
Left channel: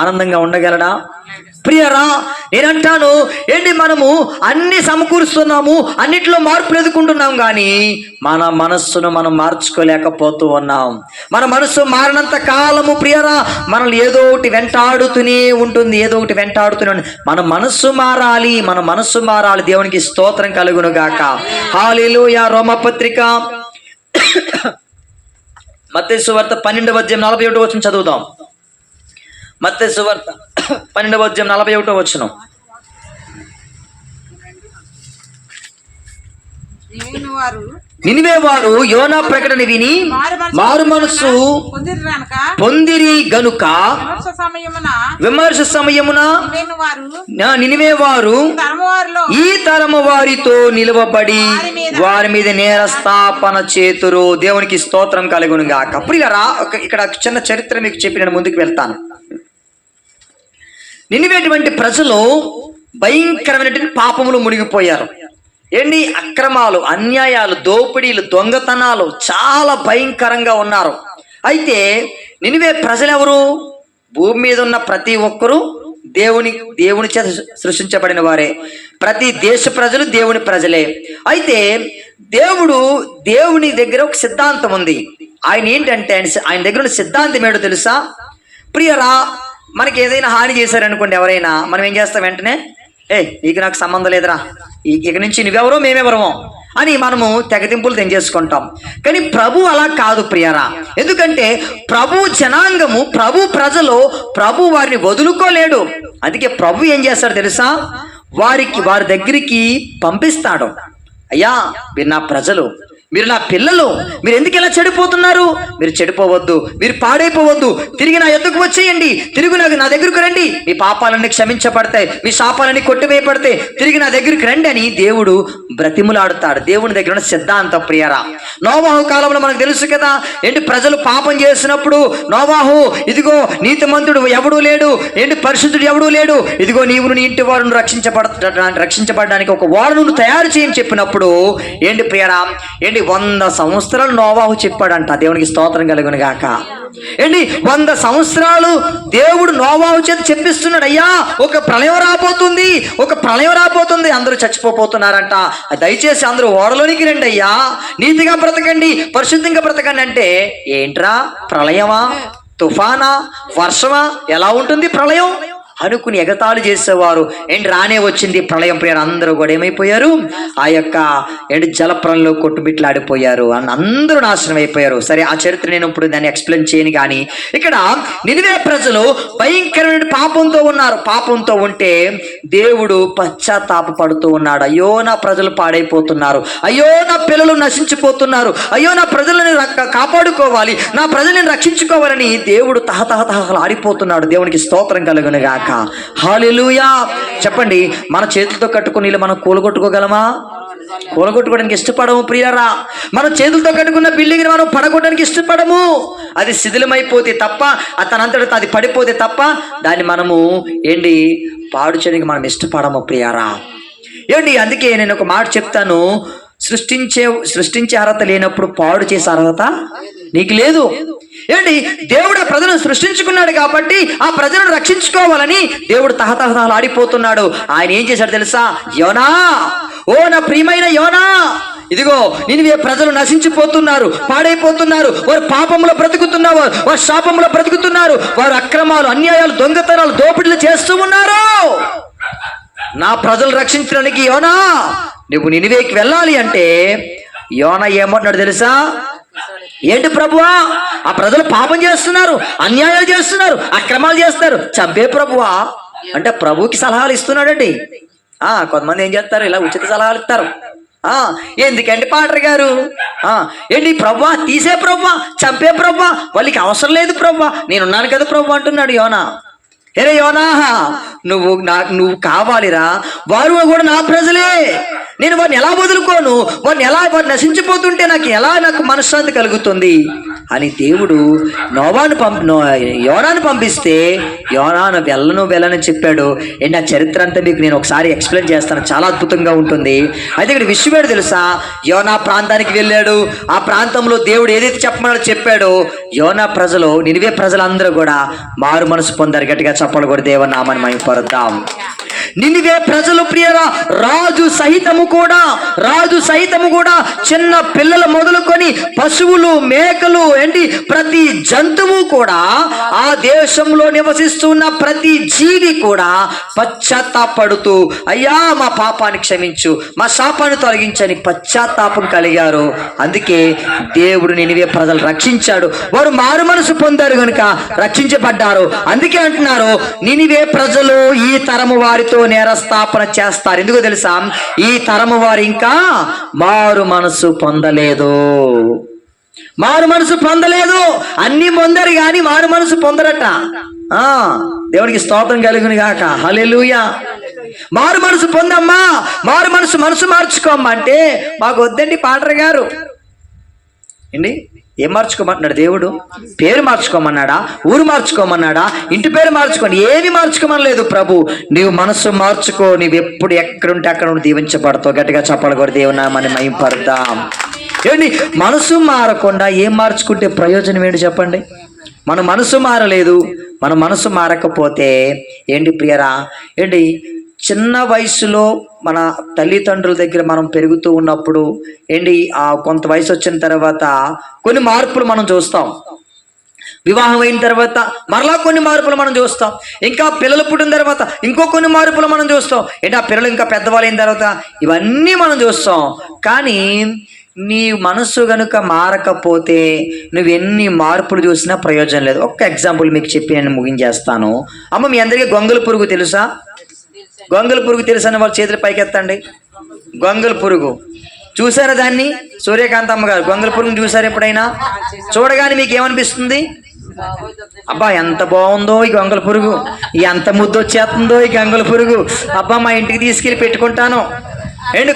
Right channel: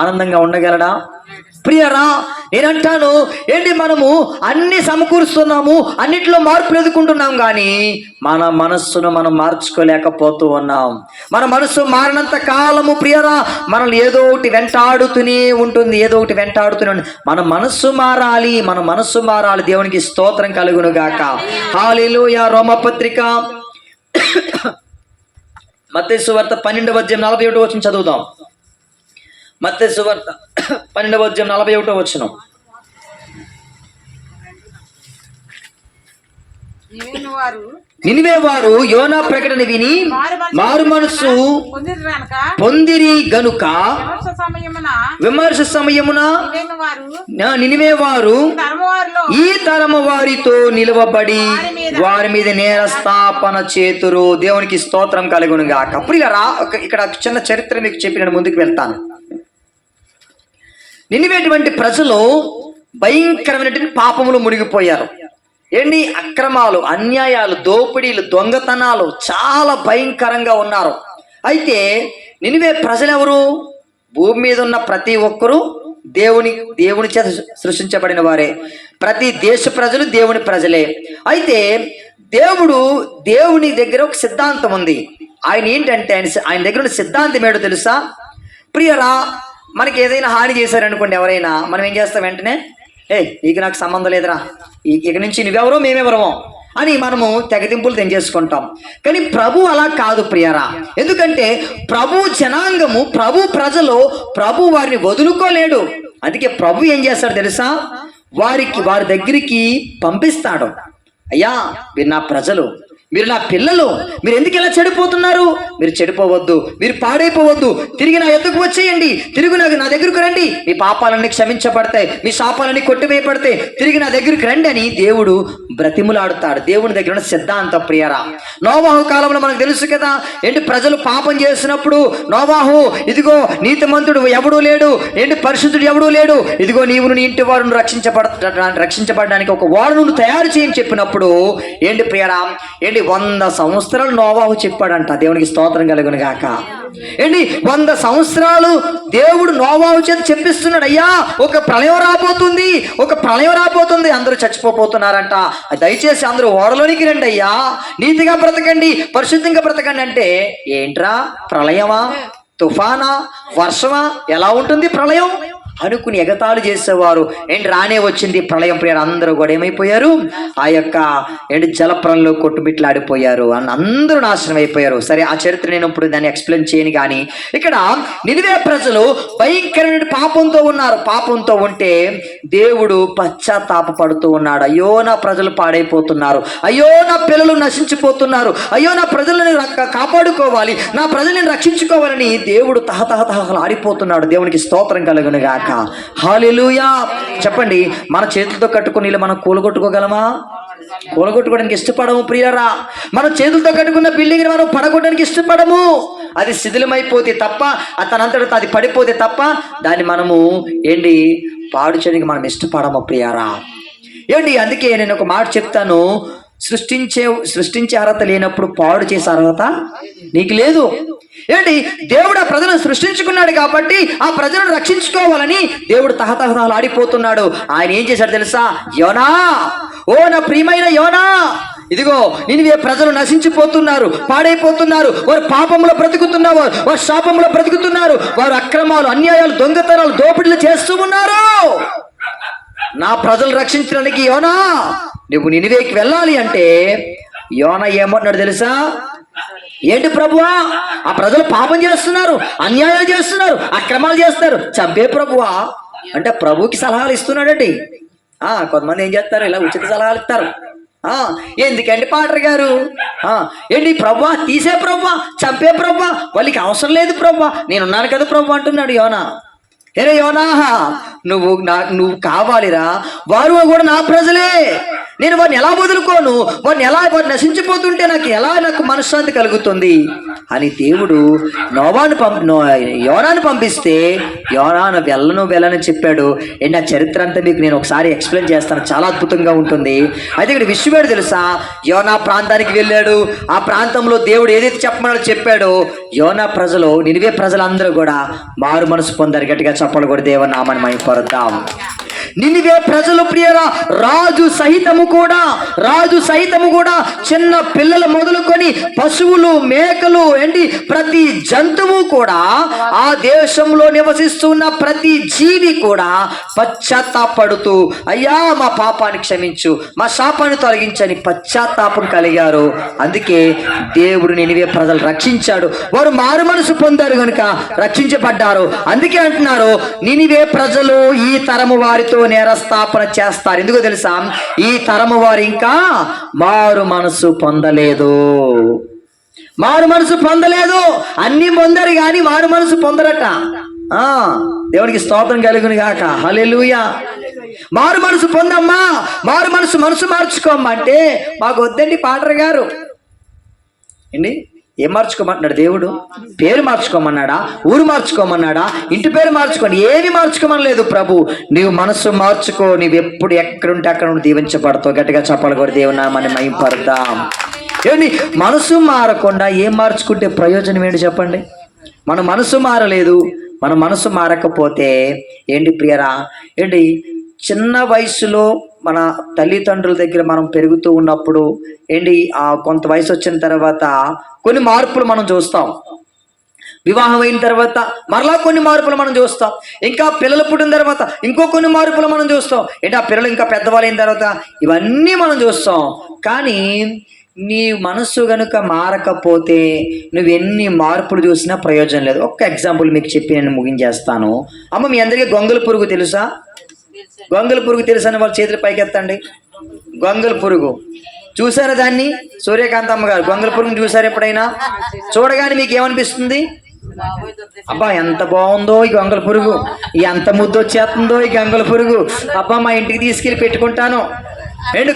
ఆనందంగా ఉండగలడా? ప్రియరా, నేనంటాను, ఏంటి మనము అన్ని సమకూరుస్తున్నాము, అన్నిట్లో మార్పులు ఎదుర్కొంటున్నాం, కానీ మన మనస్సును మనం మార్చుకోలేకపోతూ ఉన్నాం. మన మనస్సు మారినంత కాలము ప్రియరా మనల్ని ఏదో ఒకటి వెంటాడుతూనే ఉంటుంది, ఏదో ఒకటి వెంటాడుతూనే ఉంటుంది. మన మనస్సు మారాలి. దేవునికి స్తోత్రం కలుగును గాక. హల్లెలూయా. రోమపత్రిక మత్తయి సువార్త 12:41 చదువుదాం. మత్తయి సువార్త 12:41. నినివే వారు యోనా ప్రకటన విని మారు మనసు పొందిరి గనుక విమర్శ సమయమున నినివే వారు ఈ తరము వారితో నిలువబడి వారి మీద నేరస్థాపన చేతురు. దేవునికి స్తోత్రం కలుగును గాక. ప్రియులారా, ఇక్కడ చిన్న చరిత్ర మీకు చెప్పి నేను ముందుకు వెళ్తాను. నినివేటువంటి ప్రజలు భయంకరమైనటువంటి పాపములు మునిగిపోయారు. ఏంటి అక్రమాలు, అన్యాయాలు, దోపిడీలు, దొంగతనాలు చాలా భయంకరంగా ఉన్నారు. అయితే నినివే ప్రజలెవరు? భూమి మీద ఉన్న ప్రతి ఒక్కరూ దేవుని చేత సృష్టించబడిన వారే. ప్రతి దేశ ప్రజలు దేవుని ప్రజలే. అయితే దేవుని దగ్గర ఒక సిద్ధాంతం ఉంది. ఆయన ఏంటంటే ఆయన దగ్గర ఉన్న సిద్ధాంతం ఏంటో తెలుసా? ప్రియరా, మనకి ఏదైనా హాని చేశారనుకోండి ఎవరైనా, మనం ఏం చేస్తాం? వెంటనే నీకు నాకు సంబంధం లేదురా, ఇక నుంచి నువ్వెవరో మేమెవరమో అని మనము తెగతింపులు తెంచేసుకుంటాం. కానీ ప్రభు అలా కాదు ప్రియరా. ఎందుకంటే ప్రభు జనాంగము, ప్రభు ప్రజలు, ప్రభు వారిని వదులుకోలేడు. అందుకే ప్రభు ఏం చేస్తాడు తెలుసా? వారి దగ్గరికి పంపిస్తాడు. అయ్యా, మీరు నా ప్రజలు, మీరు నా పిల్లలు, మీరు ఎందుకు ఇలా చెడిపోతున్నారు? మీరు చెడిపోవద్దు, మీరు పాడైపోవద్దు, తిరిగి నా ఎద్దుకు వచ్చేయండి, తిరిగి నా దగ్గరకు రండి, మీ పాపాలన్నీ క్షమించబడతాయి, మీ శాపాలన్నీ కొట్టివేయబడతాయి, తిరిగి నా దగ్గరికి రండి అని దేవుడు బ్రతిములాడుతాడు. దేవుని దగ్గర ఉన్న సిద్ధాంతం ప్రియరా. నోవాహు కాలంలో మనకు తెలుసు కదా, ఏంటి ప్రజలు పాపం చేసినప్పుడు నోవాహు, ఇదిగో నీతిమంతుడు ఎవడూ లేడు, ఏంటి పరిశుద్ధుడు ఎవడూ లేడు, ఇదిగో నీవు నీ ఇంటి వారు రక్షించబడడానికి ఒక ఓడను తయారు చేయని చెప్పినప్పుడు ఏంటి ప్రియరా, ఏంటి 100 సంవత్సరాలు నోవాహు చెప్పాడంట. దేవునికి స్తోత్రం కలుగును గాక. ఏంటి 100 సంవత్సరాలు దేవుడు నోవాహు చేత చెప్పిస్తున్నాడు, అయ్యా ఒక ప్రళయం రాబోతుంది, అందరూ చచ్చిపోతున్నారంట, దయచేసి అందరూ ఓడలోనికి రండి అయ్యా, నీతిగా బ్రతకండి, పరిశుద్ధంగా బ్రతకండి. అంటే ఏంట్రా ప్రళయమా, తుఫానా, వర్షమా, ఎలా ఉంటుంది ప్రళయం అనుకుని ఎగతాళి చేసేవారు. ఏంటి రానే వచ్చింది ప్రళయం. ప్రియారు అందరూ కూడా ఏమైపోయారు? ఆ యొక్క జలప్రలంలో కొట్టుబిట్లాడిపోయారు, అందరూ నాశనం అయిపోయారు. సరే, ఆ చరిత్ర నేను ఇప్పుడు దాన్ని ఎక్స్ప్లెయిన్ చేయను. కానీ ఇక్కడ నినివే ప్రజలు భయంకరమైన పాపంతో ఉన్నారు. పాపంతో ఉంటే దేవుడు పశ్చాత్తాపపడుతూ ఉన్నాడు. అయ్యో నా ప్రజలు పాడైపోతున్నారు, అయ్యో నా పిల్లలు నశించిపోతున్నారు, అయ్యో నా ప్రజలను కాపాడుకోవాలి, నా ప్రజలను రక్షించుకోవాలని దేవుడు తహతహతహలాడిపోతున్నాడు. దేవునికి స్తోత్రం కలుగును గాక. హల్లెలూయా. చెప్పండి, మన చేతులతో కట్టుకుని ఇల్లు మనం కూలగొట్టుకోగలమా? కూలగొట్టుకోవడానికి ఇష్టపడము ప్రియరా. మన చేతులతో కట్టుకున్న బిల్డింగ్ మనం పడగొట్టడానికి ఇష్టపడము. అది శిథిలమైపోతే తప్ప, అతనంతటా అది పడిపోతే తప్ప దాన్ని మనము పాడు చేయడానికి మనం ఇష్టపడము ప్రియరా. అందుకే నేను ఒక మాట చెప్తాను, సృష్టించే అర్హత లేనప్పుడు పాడు చేసే అర్హత నీకు లేదు. దేవుడు ఆ ప్రజలను సృష్టించుకున్నాడు కాబట్టి ఆ ప్రజలను రక్షించుకోవాలని దేవుడు తహతహతహలు ఆడిపోతున్నాడు. ఆయన ఏం చేశాడు తెలుసా? యోనా, ఓ నా ప్రియమైన యోనా, ఇదిగో నినివే ప్రజలు నశించిపోతున్నారు, పాడైపోతున్నారు, వారు పాపంలో బ్రతుకుతున్నారు, వారు శాపంలో బ్రతుకుతున్నారు, వారు అక్రమాలు, అన్యాయాలు, దొంగతనాలు, దోపిడీలు చేస్తూ ఉన్నారు. నా ప్రజలు రక్షించడానికి యోనా నువ్వు నినివేకి వెళ్ళాలి అంటే యోనా ఏమంటున్నాడు తెలుసా? ఏంటి ప్రభువా, ఆ ప్రజలు పాపం చేస్తున్నారు, అన్యాయాలు చేస్తున్నారు, అక్రమాలు చేస్తారు, చంపే ప్రభువా అంటే ప్రభువుకి సలహాలు ఇస్తున్నాడండి. కొంతమంది ఏం చేస్తారు, ఇలా ఉచిత సలహాలు ఇస్తారు. ఎందుకండి పాటర్ గారు, ప్రభువా తీసే ప్రభువా, చంపే ప్రభువా, వాళ్ళకి అవసరం లేదు ప్రభువా, నేనున్నాను కదా ప్రభు అంటున్నాడు యోనా. ఎరే యోనా, నువ్వు కావాలిరా, వారు కూడా నా ప్రజలే, నేను వారిని ఎలా వదులుకోను, వారు నశించిపోతుంటే నాకు మనశ్శాంతి కలుగుతుంది అని దేవుడు యోనాను పంపిస్తే యోనాను వెళ్ళని చెప్పాడు. నా చరిత్ర అంతా మీకు నేను ఒకసారి ఎక్స్ప్లెయిన్ చేస్తాను, చాలా అద్భుతంగా ఉంటుంది. అయితే ఇక్కడ విషయం ఏంటో తెలుసా, యోనా ప్రాంతానికి వెళ్ళాడు. ఆ ప్రాంతంలో దేవుడు ఏదైతే చెప్పమన్నాడో చెప్పాడో, యోనా ప్రజలు, నినివే ప్రజలందరూ కూడా మారు మనసు పొందారు. గట్టిగా చప్పలు కూడా దేవుని నామని మహిమపరుద్దాం. నినివే ప్రజలు ప్రియరా, రాజు సహితము కూడా చిన్న పిల్లలు మొదలుకొని పశువులు, మేకలు, ప్రతి జంతువు కూడా, ఆ దేశంలో నివసిస్తున్న ప్రతి జీవి కూడా పశ్చాత్తాపడుతూ, అయ్యా మా పాపాన్ని క్షమించు, మా శాపాన్ని తొలగించని పశ్చాత్తాపం కలిగారు. అందుకే దేవుడు నినివే ప్రజలు రక్షించాడు. వారు మారు మనసు పొందారు కనుక రక్షించబడ్డారు. అందుకే అంటున్నారు, నినివే ప్రజలు ఈ తరము వారితో నేరస్థాపన చేస్తారు. ఎందుకో తెలుసా, ఈ తరము వారు ఇంకా మారు మనసు పొందలేదు. అన్ని పొందారు కానీ మారు మనసు పొందరట. దేవుడికి స్తోత్రం కలుగును గాక. హల్లెలూయా. మారు మనసు పొందమ్మా, మనసు మార్చుకోమ్మా అంటే, మాకు వద్దండి పాటర్ గారు. ఏం మార్చుకోమంటున్నాడు దేవుడు? పేరు మార్చుకోమన్నాడా? ఊరు మార్చుకోమన్నాడా? ఇంటి పేరు మార్చుకోండి, ఏమి మార్చుకోమనలేదు ప్రభు. నీవు మనసు మార్చుకో, నీవు ఎప్పుడు ఎక్కడుంటే అక్కడ నుండి దీవించబడతావు. గట్టిగా చెప్పాలి కూడా దేవుని నామాన్ని మహిమపడతాం. మనసు మారకుండా ఏం మార్చుకుంటే ప్రయోజనం ఏంటి చెప్పండి? మన మనసు మారలేదు. మన మనసు మారకపోతే ప్రియరా, చిన్న వయసులో మన తల్లిదండ్రుల దగ్గర మనం పెరుగుతూ ఉన్నప్పుడు కొంత వయసు వచ్చిన తర్వాత కొన్ని మార్పులు మనం చూస్తాం. వివాహం అయిన తర్వాత మరలా కొన్ని మార్పులు మనం చూస్తాం. ఇంకా పిల్లలు పుట్టిన తర్వాత ఇంకో కొన్ని మార్పులు మనం చూస్తాం. ఆ పిల్లలు ఇంకా పెద్దవాళ్ళు అయిన తర్వాత ఇవన్నీ మనం చూస్తాం. కానీ నీ మనసు గనుక మారకపోతే నువ్వెన్ని మార్పులు చూసినా ప్రయోజనం లేదు. ఒక్క ఎగ్జాంపుల్ మీకు చెప్పి నేను ముగించేస్తాను. అమ్మ, మీ అందరికీ గొంగళి పురుగు తెలుసా? గొంగళి పురుగు తెలుసా అని వాళ్ళు చేతులు పైకెత్తండి. గొంగళి పురుగు చూసారా? దాన్ని సూర్యకాంత అమ్మగారు గొంగళి పురుగుని చూసారు ఎప్పుడైనా? చూడగానే మీకు ఏమనిపిస్తుంది? అబ్బా ఎంత బాగుందో ఈ గొంగళి పురుగు, ఎంత ముద్దు వచ్చేస్తుందో ఈ గొంగళి పురుగు, అబ్బా మా ఇంటికి తీసుకెళ్ళి పెట్టుకుంటాను.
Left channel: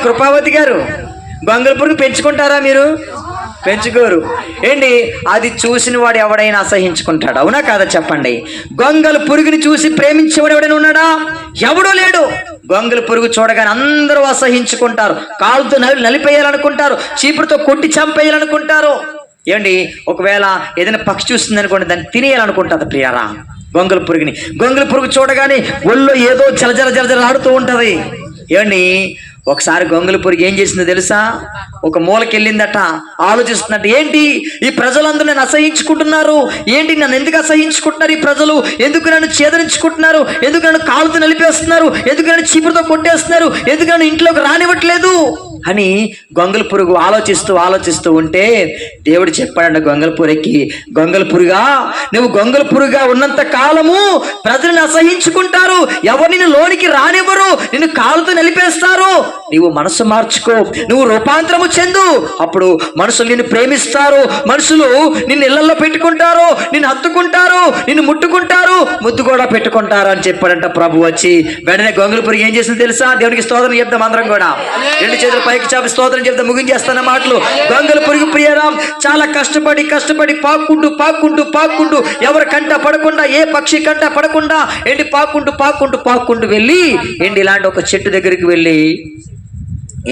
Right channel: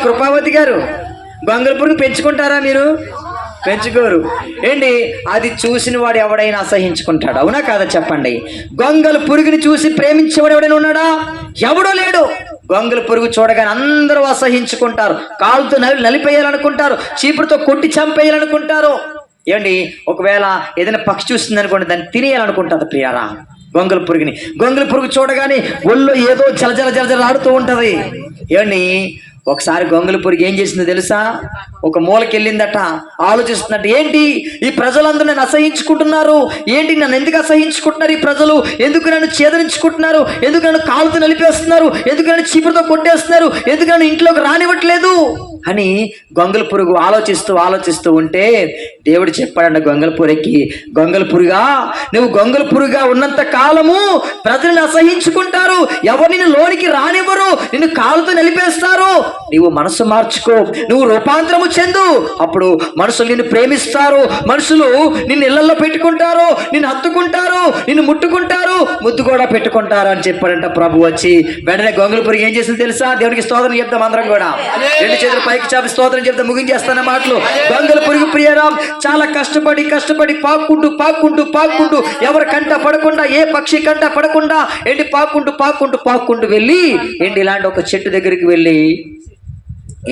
కృపావతి గారు, గొంగళి పురుగు పెంచుకుంటారా మీరు? పెంచుకోరు. అది చూసిన వాడు ఎవడైనా అసహించుకుంటాడు, అవునా కాదా చెప్పండి? గొంగళి పురుగుని చూసి ప్రేమించేవాడు ఎవడైనా ఉన్నాడా? ఎవడూ లేడు. గొంగళి పురుగు చూడగానే అందరూ అసహించుకుంటారు, కాలుతో నలిపేయాలనుకుంటారు, చీపురుతో కొట్టి చంపేయాలనుకుంటారు. ఒకవేళ ఏదైనా పక్షి చూస్తుంది అనుకోండి, దాన్ని తినేయాలనుకుంటుంది ప్రియారా గొంగళి పురుగుని. గొంగళి పురుగు చూడగానే ఒళ్ళో ఏదో జలజల ఆడుతూ ఉంటది. ఒకసారి గొంగళి పురుగు ఏం చేసిందో తెలుసా? ఒక మూలకి వెళ్ళిందట, ఆలోచిస్తున్నట్టు, ఈ ప్రజలందరూ నన్ను అసహించుకుంటున్నారు, నన్ను ఎందుకు అసహించుకుంటున్నారు ఈ ప్రజలు? ఎందుకు నన్ను ఛేదరించుకుంటున్నారు? ఎందుకు నన్ను కాలుతో నలిపేస్తున్నారు? ఎందుకు నన్ను చీపురుతో కొట్టేస్తున్నారు? ఎందుకు నన్ను ఇంట్లోకి రానివ్వట్లేదు అని గొంగళి పురుగు ఆలోచిస్తూ ఉంటే దేవుడు చెప్పాడంట గొంగళి పురుగుకి, గొంగళి పురుగా, నువ్వు గొంగళి పురుగా ఉన్నంత కాలము ప్రజలను అసహించుకుంటారు, ఎవరు నిన్ను లోనికి రానివ్వరు, నిన్ను కాలుతో నలిపేస్తారు. నువ్వు మనసు మార్చుకో, నువ్వు రూపాంతరము చెందు, అప్పుడు మనుషులు నిన్ను ప్రేమిస్తారు, మనుషులు నిన్ను ఇళ్లలో పెట్టుకుంటారు, నిన్ను హత్తుకుంటారు, నిన్ను ముట్టుకుంటారు, ముద్దు కూడా పెట్టుకుంటారు అని చెప్పాడంట ప్రభు వచ్చి. వెంటనే గొంగళి పురుగు ఏం చేసింది తెలుసా? దేవునికి స్తోత్రం చెప్తాం అందరం కూడా, రెండు చేతులు పైకి చాపి స్తోత్రం చెప్తా ముగించేస్తున్న మాటలు. గొంగళి పురుగు ప్రియరాం చాలా కష్టపడి పాక్కుంటూ ఎవరి కంట పడకుండా, ఏ పక్షి కంట పడకుండా పాక్కుంటూ వెళ్ళి ఇలాంటి ఒక చెట్టు దగ్గరికి వెళ్ళి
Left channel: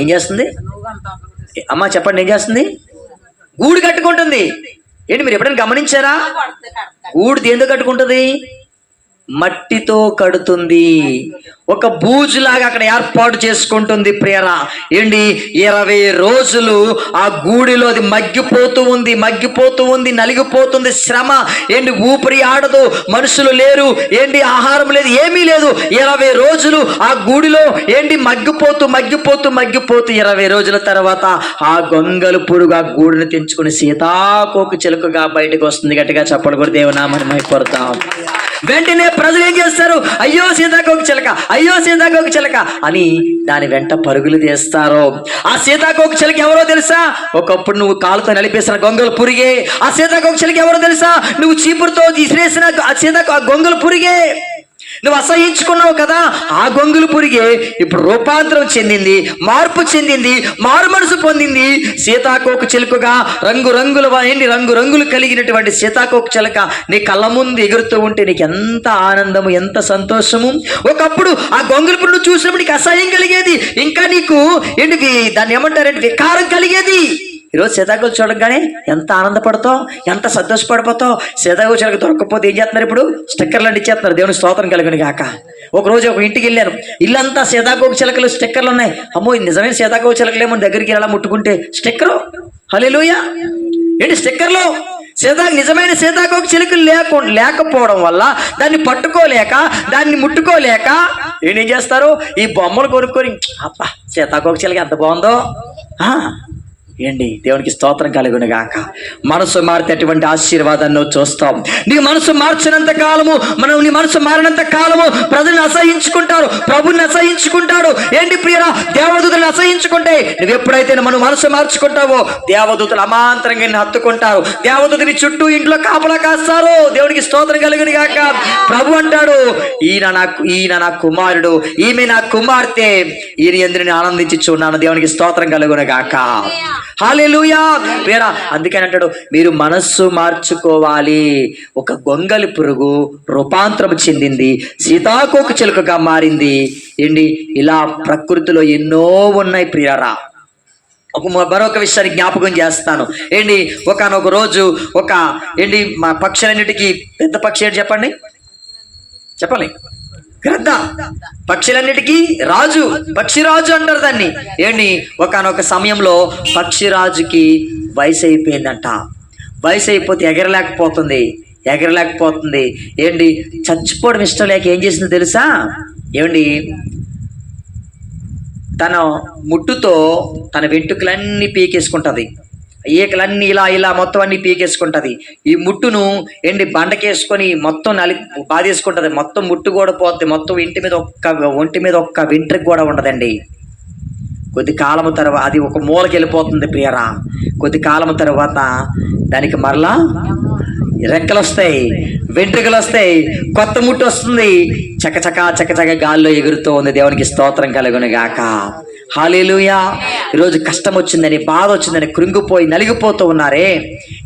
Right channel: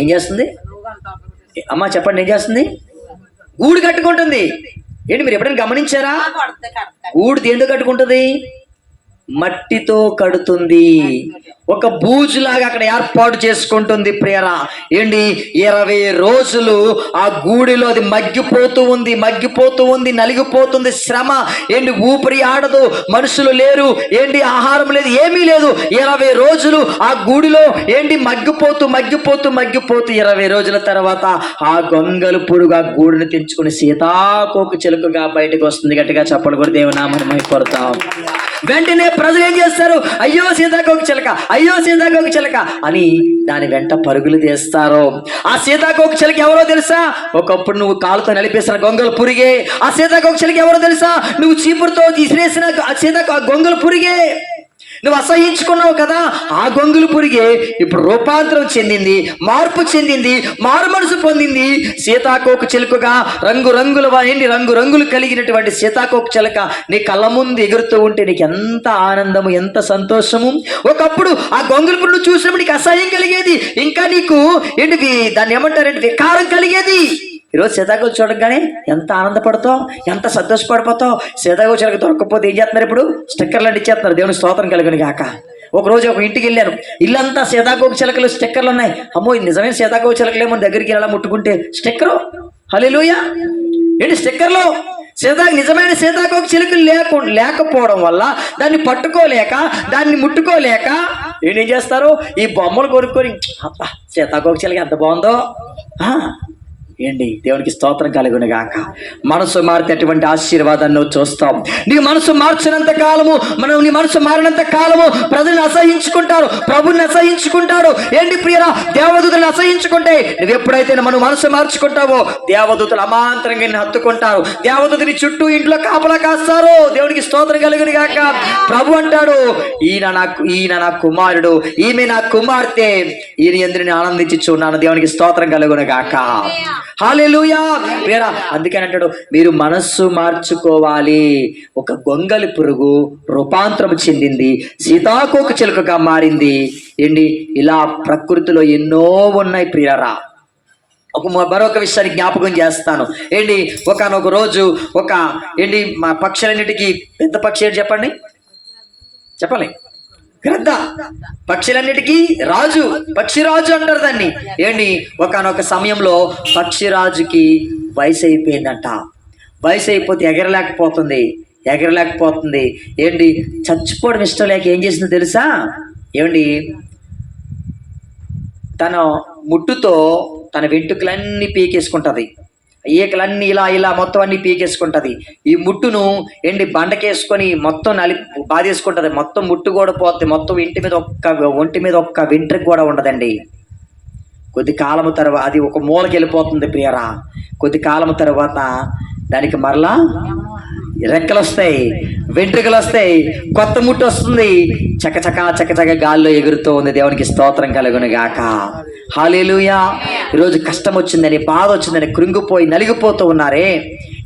ఏం చేస్తుంది? అమ్మా చెప్పండి, ఏం చేస్తుంది? గూడు కట్టుకుంటుంది. మీరు ఎప్పుడైనా గమనించారా? గూడు దేంతో కట్టుకుంటుంది? మట్టితో కడుతుంది. ఒక బూజులాగా అక్కడ ఏర్పాటు చేసుకుంటుంది ప్రియరా. 20 రోజులు ఆ గూడిలో అది మగ్గిపోతూ ఉంది, నలిగిపోతుంది. శ్రమ ఊపిరి ఆడదు, మనుషులు లేరు, ఆహారం లేదు, ఏమీ లేదు. 20 రోజులు ఆ గూడిలో మగ్గిపోతూ 20 రోజుల తర్వాత ఆ గొంగళి పురుగు ఆ గూడిని తెంచుకుని సీతాకోక చిలుకగా బయటకు వస్తుంది. గట్టిగా చెప్పలు కూడా దేవునామని మైపడతాం. వెంటనే ప్రజలు ఏం చేస్తారు? అయ్యో సీతాకోక చిలక అని దాని వెంట పరుగులు తీస్తారు. ఆ సీతాకోక చిలక ఎవరో తెలుసా? ఒకప్పుడు నువ్వు కాలుతో నలిపేసిన గొంగళి పురుగే. ఆ సీతాకోక చిలక ఎవరో తెలుసా? నువ్వు చీపురుతో విసిరేసిన గొంగళి పురుగే. నువ్వు అసహించుకున్నావు కదా, ఆ గొంగులు పురిగే ఇప్పుడు రూపాంతరం చెందింది, మార్పు చెందింది, మారు మనసు పొందింది. సీతాకోక చిలుకగా రంగులు కలిగినటువంటి సీతాకోక చిలుక నీ కళ్ళ ముందు ఎగురుతూ ఉంటే నీకు ఎంత ఆనందము, ఎంత సంతోషము. ఒకప్పుడు ఆ గొంగులు పురుగు చూసినప్పుడు నీకు అసహ్యం కలిగేది, ఇంకా నీకు ఏంటికి దాన్ని ఏమంటారంటే వికారం కలిగేది. ఈరోజు సీతాకోక చూడగానే ఎంత ఆనందపడతావు, ఎంత సంతోషపడిపోతావు. సీతాకోక చిలుక దొరకకపోతే ఏం చేస్తున్నారు, ఇప్పుడు స్టిక్కర్లు అంటించేస్తున్నారు. దేవుని స్తోత్రం కలిగిన గాక. ఒకరోజు ఒక ఇంటికి వెళ్ళాను, ఇల్లంతా సీతాకోక చిలుకలు స్టిక్కర్లు ఉన్నాయి. అమ్మో నిజమైన సీతాకోక చిలుకలేమో దగ్గరికి ఎలా ముట్టుకుంటే స్టిక్కరు, హల్లెలూయా. ఏంటి స్టిక్కర్లు? నిజమైన సీతాకోక చిలుకలు లేకపోవడం వల్ల దాన్ని పట్టుకోలేక, దాన్ని ముట్టుకోలేక ఏం చేస్తారు, ఈ బొమ్మలు కొనుక్కొని అబ్బా సీతాకోక చిలుక ఎంత బాగుందో. ఏంటి దేవునికి స్తోత్రం కలుగును గాక. మనసు మారితే అటువంటి ఆశీర్వాదాన్ని నువ్వు చూస్తావు. నీ మనసు మార్చినంత కాలము, నీ మనసు మారినంత కాలము ప్రజల్ని అసహించుకుంటారు, ప్రభుని అసహించుకుంటారు. ఏంటి ప్రియరా, దేవదూతలను అసహించుకుంటే నువ్వు ఎప్పుడైతే మన మనసు మార్చుకుంటావో దేవదూతలు అమాంతరంగా నిన్ను హత్తుకుంటారు. దేవదూతని చుట్టూ ఇంట్లో కాపలా కాస్తారు. దేవునికి స్తోత్రం కలుగును గాక. ప్రభు అంటాడు, ఈయన నా కుమారుడు, ఈమె నా కుమార్తె, ఈయన యందు నేను ఆనందించి చూన్నాను. దేవునికి స్తోత్రం కలుగును గాక. హల్లెలూయా. వేరా అందుకని అంటాడు, మీరు మనస్సు మార్చుకోవాలి. ఒక గొంగలి పురుగు రూపాంతరం చెందింది, సీతాకోక చిలుకగా మారింది. ఏంటి ఇలా ప్రకృతిలో ఎన్నో ఉన్నాయి ప్రియరా. మరొక విషయాన్ని జ్ఞాపకం చేస్తాను. ఏంటి ఒకనొక రోజు మా పక్షులన్నిటికీ పెద్ద పక్షి ఏంటి చెప్పండి గ్రద్ద. పక్షులన్నిటికీ రాజు, పక్షిరాజు అంటారు దాన్ని. ఏంటి ఒకనొక సమయంలో పక్షిరాజుకి వయసు అయిపోయిందంట. వయసు అయిపోతే ఎగరలేకపోతుంది. ఏంటి చచ్చిపోవడం ఇష్టం లేక ఏం చేసిందో తెలుసా? ఏమండి తన ముట్టుతో తన వెంట్రుకలన్నీ పీకేసుకుంటది, ఈకలన్నీ ఇలా మొత్తం అన్ని పీకేసుకుంటది. ఈ ముట్టును బండకేసుకొని మొత్తం బాధేసుకుంటది. మొత్తం ముట్టు కూడా పోతుంది. మొత్తం ఒంటి మీద ఒక్క వెంట్రుక కూడా ఉండదండి. కొద్ది కాలము తర్వాత అది ఒక మూలకి వెళ్ళిపోతుంది ప్రియరా. కొద్ది కాలము తర్వాత దానికి మరలా రెక్కలు వస్తాయి, వెంట్రుకలు వస్తాయి, కొత్త ముట్టు వస్తుంది. చకచక గాల్లో ఎగురుతూ ఉంది. దేవునికి స్తోత్రం కలుగును గాక. హల్లెలూయా. ఈరోజు కష్టం వచ్చిందని, బాధ వచ్చిందని కృంగిపోయి నలిగిపోతూ ఉన్నారే.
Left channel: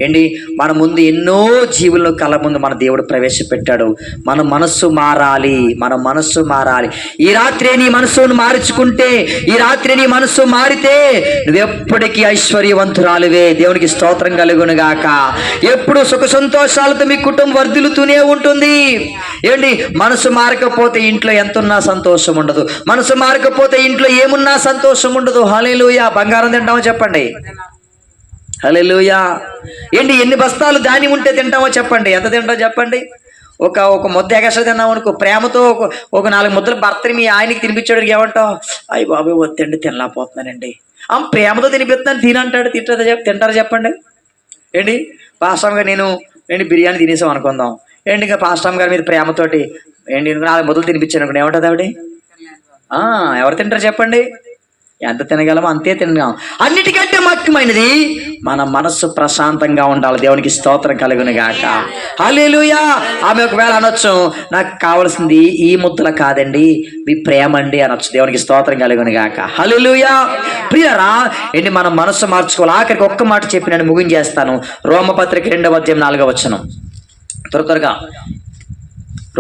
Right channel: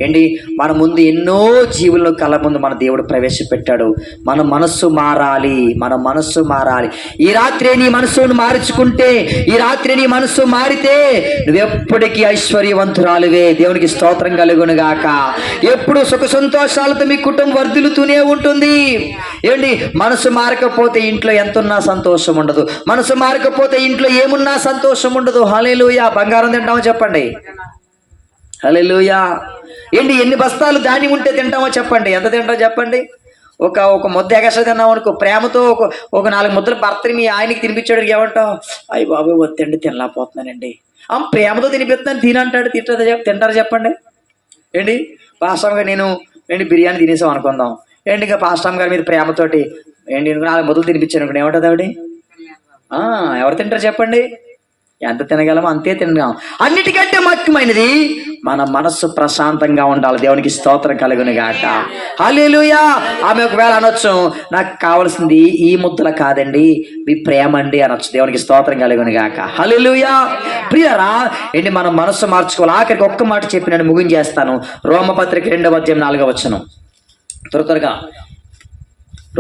ఏంటి మన ముందు ఎన్నో జీవులను కళ్ళ ముందు మన దేవుడు ప్రవేశపెట్టాడు. మన మనస్సు మారాలి. ఈ రాత్రి నీ మనస్సును మార్చుకుంటే, ఈ రాత్రి నీ మనస్సు మారితే నువ్వెప్పటికీ ఐశ్వర్యవంతురాలువే. దేవునికి స్తోత్రం కలుగును గాక. ఎప్పుడు సుఖ సంతోషాలతో మీ కుటుంబం వర్ధిల్లుతూనే ఉంటుంది. ఏంటి మనసు మారకపోతే ఇంట్లో ఎంతున్నా సంతోషం ఉండదు. మనసు మారకపోతే ఇంట్లో ఏమున్నా సంతోషం ఉండదు. హల్లెలూయా. బంగారం తింటామో చెప్పండి, హల్లెలూయా. ఏంటి ఎన్ని బస్తాలు ధాన్యం ఉంటే తింటామో చెప్పండి, ఎంత తింటామో చెప్పండి. ఒక ముద్ద ఎగస తిన్నాం అనుకో, ప్రేమతో ఒక 4 ముద్దలు భర్తని మీ ఆయనకి తినిపించాడు, ఏమంటాం? అయ్యి బాబాయ్ వద్దండి తినలేకపోతున్నానండి. ప్రేమతో తినిపిస్తున్నాను తినంటాడు. తింటారా చెప్పండి? ఏంటి పాస్టమ్ గారు నేను బిర్యానీ తినేసాం అనుకుందాం. ఏంటి ఇంకా పాస్టమ్ గారి మీద ప్రేమతోటి 4 ముద్దలు తినిపించాను అనుకోండి, ఏమంటుంది ఆవిడ? ఎవరు తింటారు చెప్పండి? ఎంత తినగలమో అంతే తినగలం. అన్నిటికంటే ముఖ్యమైనది మన మనస్సు ప్రశాంతంగా ఉండాలి. దేవునికి స్తోత్రం కలుగును గాక. హల్లెలూయా. ఆమె ఒకవేళ అనొచ్చు, నాకు కావాల్సింది ఈ ముద్దలు కాదండి, మీ ప్రేమ అండి అనొచ్చు. దేవునికి స్తోత్రం కలుగును గాక. హల్లెలూయా. ప్రియరా ఏంటి మనం మనస్సు మార్చుకోవాలి. ఆఖరికి ఒక్క మాట చెప్పి నేను ముగించేస్తాను. రోమపత్రిక 2వ అధ్యాయం 4వ వచనం. త్వరగా